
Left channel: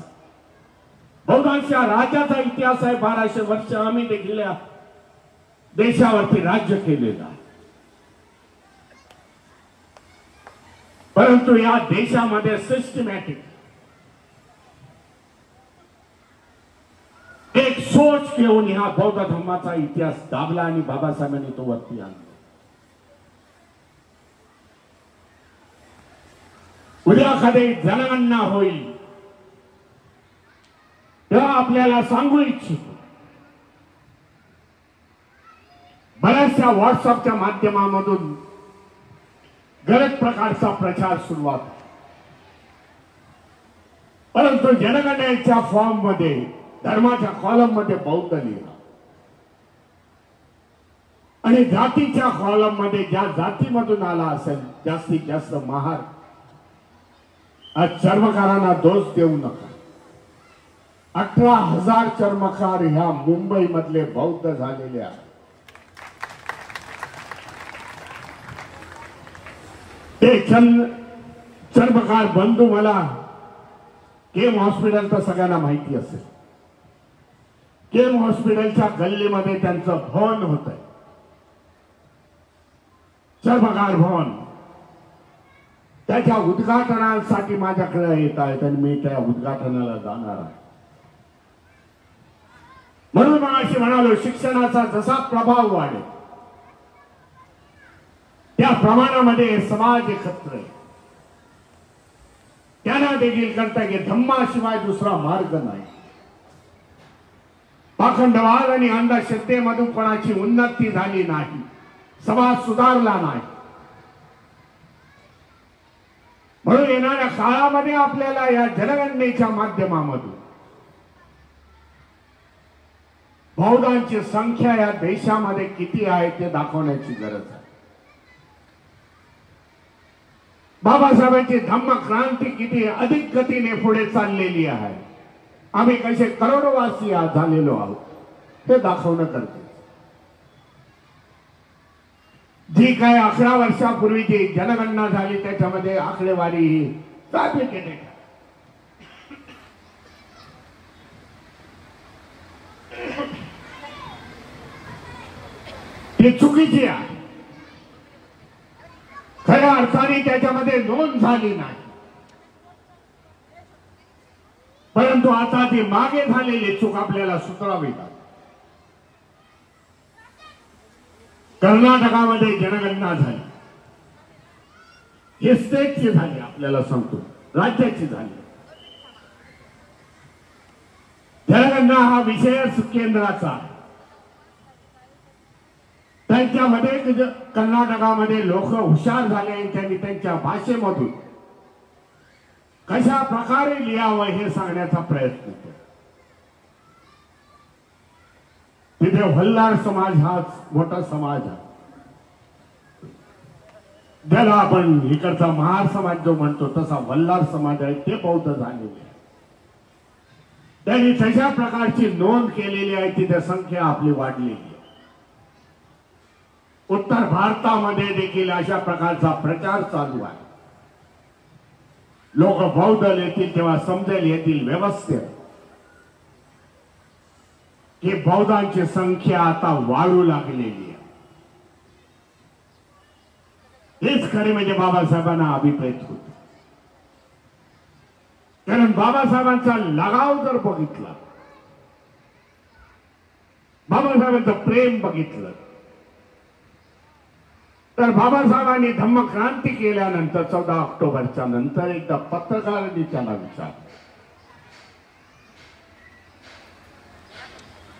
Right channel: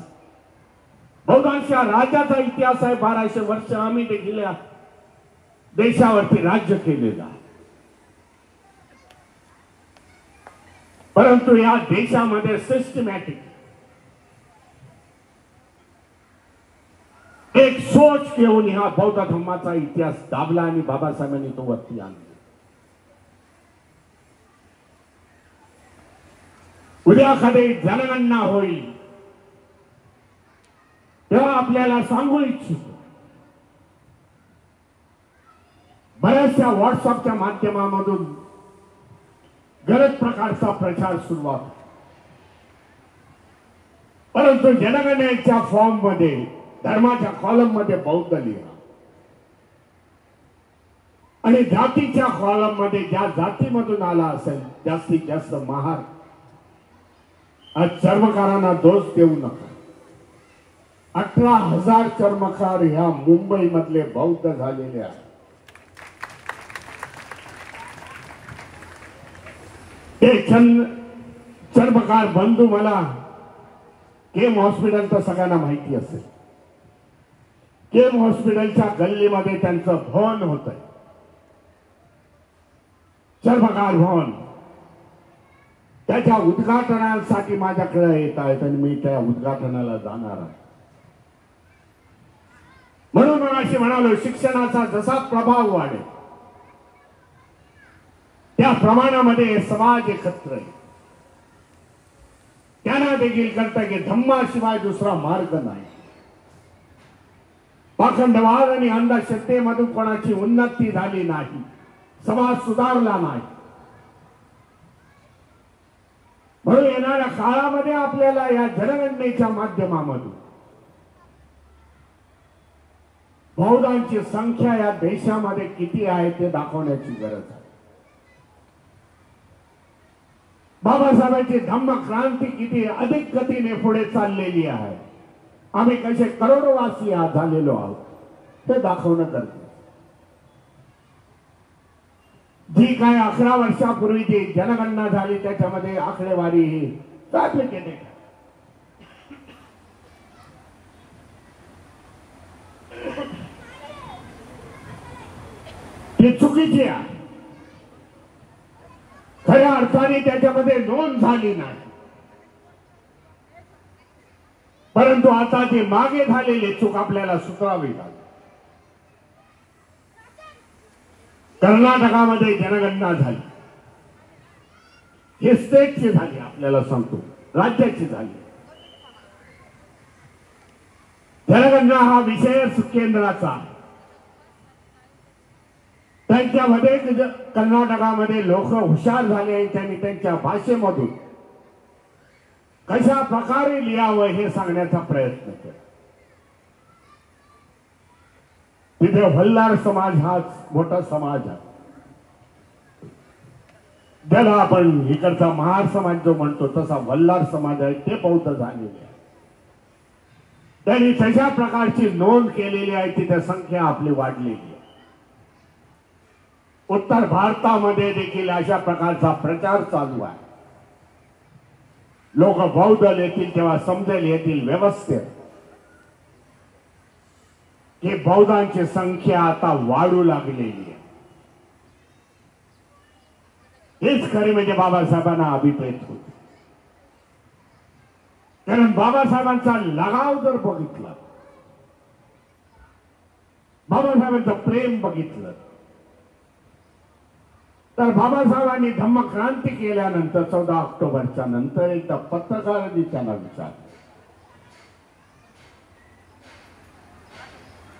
बौद्धांच्या राजाचा इतिहास आहे. 1200 वर्ष आम्ही देखील देशावरती राज्य केलेलं आहे. परंतु या देशामध्ये सिस्टमॅटिक एक सोच घेऊन ह्या बौद्ध धर्माचा इतिहास दाबला आणि बाबासाहेबांनी तो वरती आणला. उद्या कधी जनगणना होईल तेव्हा आपल्याला सांगू इच्छितो, बऱ्याचशा व्हॉट्सअपच्या माध्यमामधून गरज प्रकारचा प्रचार सुरुवात, परंतु जनगणनेच्या फॉर्म मध्ये धर्माच्या कॉलम मध्ये बौद्ध लिहा आणि जातीच्या कॉलम मध्ये ज्या जातीमधून आला असेल जास्तीत जास्त महार. आज चर्मकारांना दोष देऊ नका. 18,000 चर्मकार ह्या मुंबई मधले बौद्ध झालेले आहेत. ते चर्मकार बंधू मला केम हॉस्पिटल तर सगळ्यांना माहिती असेल. केम हॉस्पिटलच्या गल्लीमध्ये त्यांचं भवन होतं, चर्मकार भवन. त्याच्या उद्घाटनासाठी माझ्याकडे येत आहेत आणि मी त्या उद्घाटनाला जाणार आहे. म्हणून मग अशी म्हणालो, शिक्षणाचा जसा प्रभाव वाढेल त्या प्रमाणामध्ये समाज एकत्र आहे. त्यांना देखील कळतं की धम्माशिवाय दुसरा मार्ग नाही. पाखंडवाद आणि अंधश्रद्धेमधून कोणाची उन्नती झाली नाही, समाज सुधारला नाही. म्हणून येणाऱ्या काळामध्ये आपल्याला या जनगणनेच्या माध्यमामधून बौद्धांची संख्या या देशामध्ये किती आहे ते दाखवण्याची गरज आहे. बाबासाहेबांची धम्म क्रांती किती अधिक गतीने पुढे चाललेली आहे, आम्ही कसे करोडवासी झालेलो आहोत हे दाखवणं गरजेचं. जी काय 11 वर्षापूर्वीची जनगणना झाली त्याच्यामध्ये आकडेवारी ही फॅब्रिकेटेड आहे. ती चुकीची आहे. खऱ्या अर्थाने त्याच्यामध्ये नोंद झाली नाही. परंतु आता ती मागे झालेली चूक आपल्याला सुधारावी लागेल. कर्नाटकामध्ये जनगणना झाली, हे स्टेटची झाली, आपल्याला सांगतो राज्याची झाली. जनगणना हा विषय केंद्राचा. त्यांच्यामध्ये कर्नाटकामध्ये लोक हुशार झाले आणि त्यांनी त्यांच्या भाषेमधून कशा प्रकारे लिहावं हे सांगण्याचा प्रयत्न केला. तिथे वल्हार समाज हा मोठा समाज आहे. ज्याला आपण इकडचा महार समाज जो म्हणतो तसा वल्हार समाज आहे, ते बौद्ध झालेले आहे. त्यांनी तशा प्रकारची नोंद केलेली आहे, तिथे संख्या आपली वाढलेली आहे. उत्तर भारतामध्ये देखील अशा प्रकारचा प्रचार चालू आहे. लोक बौद्ध येतील तेव्हा समजेल येथील व्यवस्थेत की बौद्धांची संख्या आता वाढू लागलेली आहे. हेच खरे म्हणजे बाबासाहेबांना अभिप्रेत होते. कारण बाबासाहेबांचा लगाव जर बघितला, बाबासाहेबांचं प्रेम बघितलं, तर बाबासाहेबांनी धम्मक्रांती केल्यानंतर 14 ऑक्टोबरच्या नंतर एकदा पत्रकारांनी त्याला विचारलं.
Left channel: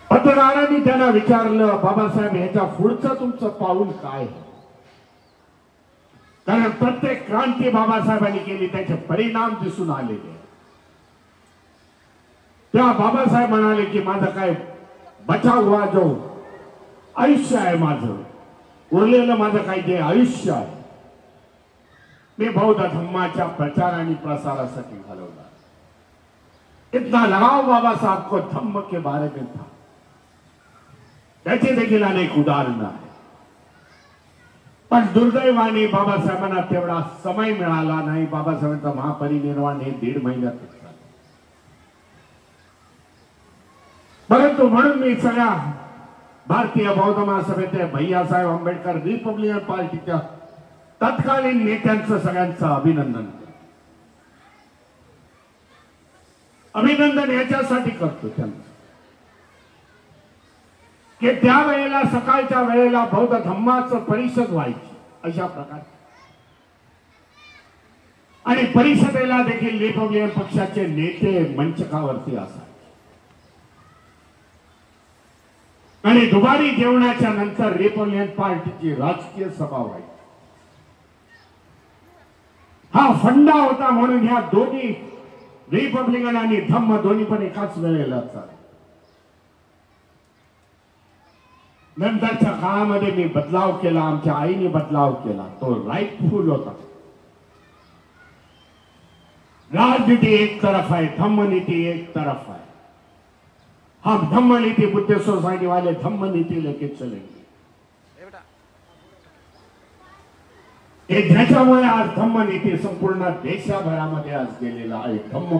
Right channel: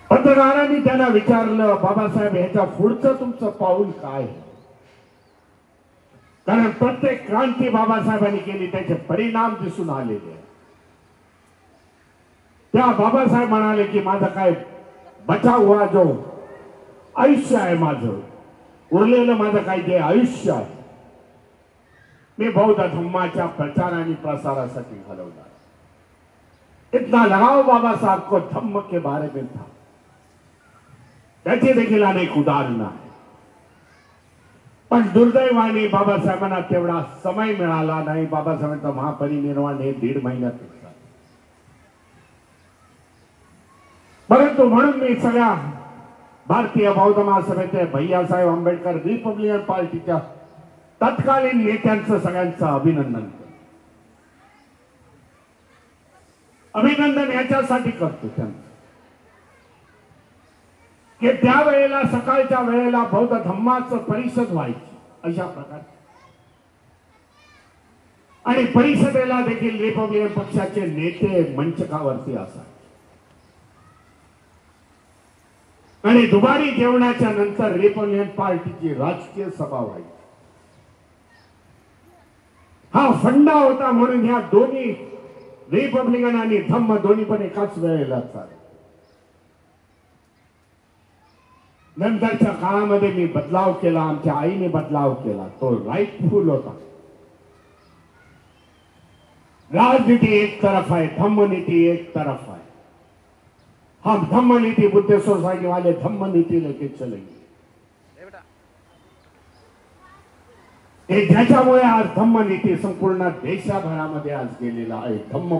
पत्रकारांनी त्यांना विचारलं, बाबासाहेब ह्याच्या पुढचं तुमचं पाऊल काय? कारण प्रत्येक क्रांती बाबासाहेबांनी केली त्याचे परिणाम दिसून आलेले. तेव्हा बाबासाहेब म्हणाले की माझं काय बचा हुआ जो आयुष्य आहे माझं, उरलेलं माझं काही जे आयुष्य आहे मी बौद्ध धम्माच्या प्रचार आणि प्रसारासाठी घालवला। इतना लगाव बाबा साहब को धम्म के बारे में था। त्याचे देखील अनेक उदाहरणं आहेत, पण दुर्दैवाने बाबासाहेबांना तेवढा समय मिळाला नाही। बाबासाहेबांचं महापरिनिर्वाण हे 1.5 महिन्यात झालं। परंतु म्हणून मी सगळ्या भारतीय बौद्ध महासभेचे भैयासाहेब आंबेडकर रिपब्लिकन पार्टीच्या तत्कालीन नेत्यांचं सगळ्यांचं अभिनंदन करतो। अभिनंदन याच्यासाठी करतो त्यांचं की त्यावेळेला सकाळच्या वेळेला बौद्ध धम्माचं परिषद व्हायची अशा प्रकारे, आणि परिषदेला देखील रिपब्लिकन पक्षाचे नेते मंचकावरती असायचे, आणि दुपारी जेवणाच्या नंतर रिपब्लिकन पार्टीची राजकीय सभा व्हायची। हा फंडा होता म्हणून ह्या दोन्ही रिपब्लिकन आणि धम्म दोन्ही पण एकाच वेळेला चालले। नंतरच्या काळामध्ये मी बदलाव केला, आमच्या आईने बदलाव केला, तो राईटफुल होता। राजनीति एक तरफ है, धम्म नीति एक तरफ है। हम धम्म नीति बुद्ध सोसाइटी वाले धम्म नीति लेके चलेंगे। ज्याच्यामुळे आज धम्म नीति संपूर्ण देशभरामध्ये आज गेलेला आहे। धम्म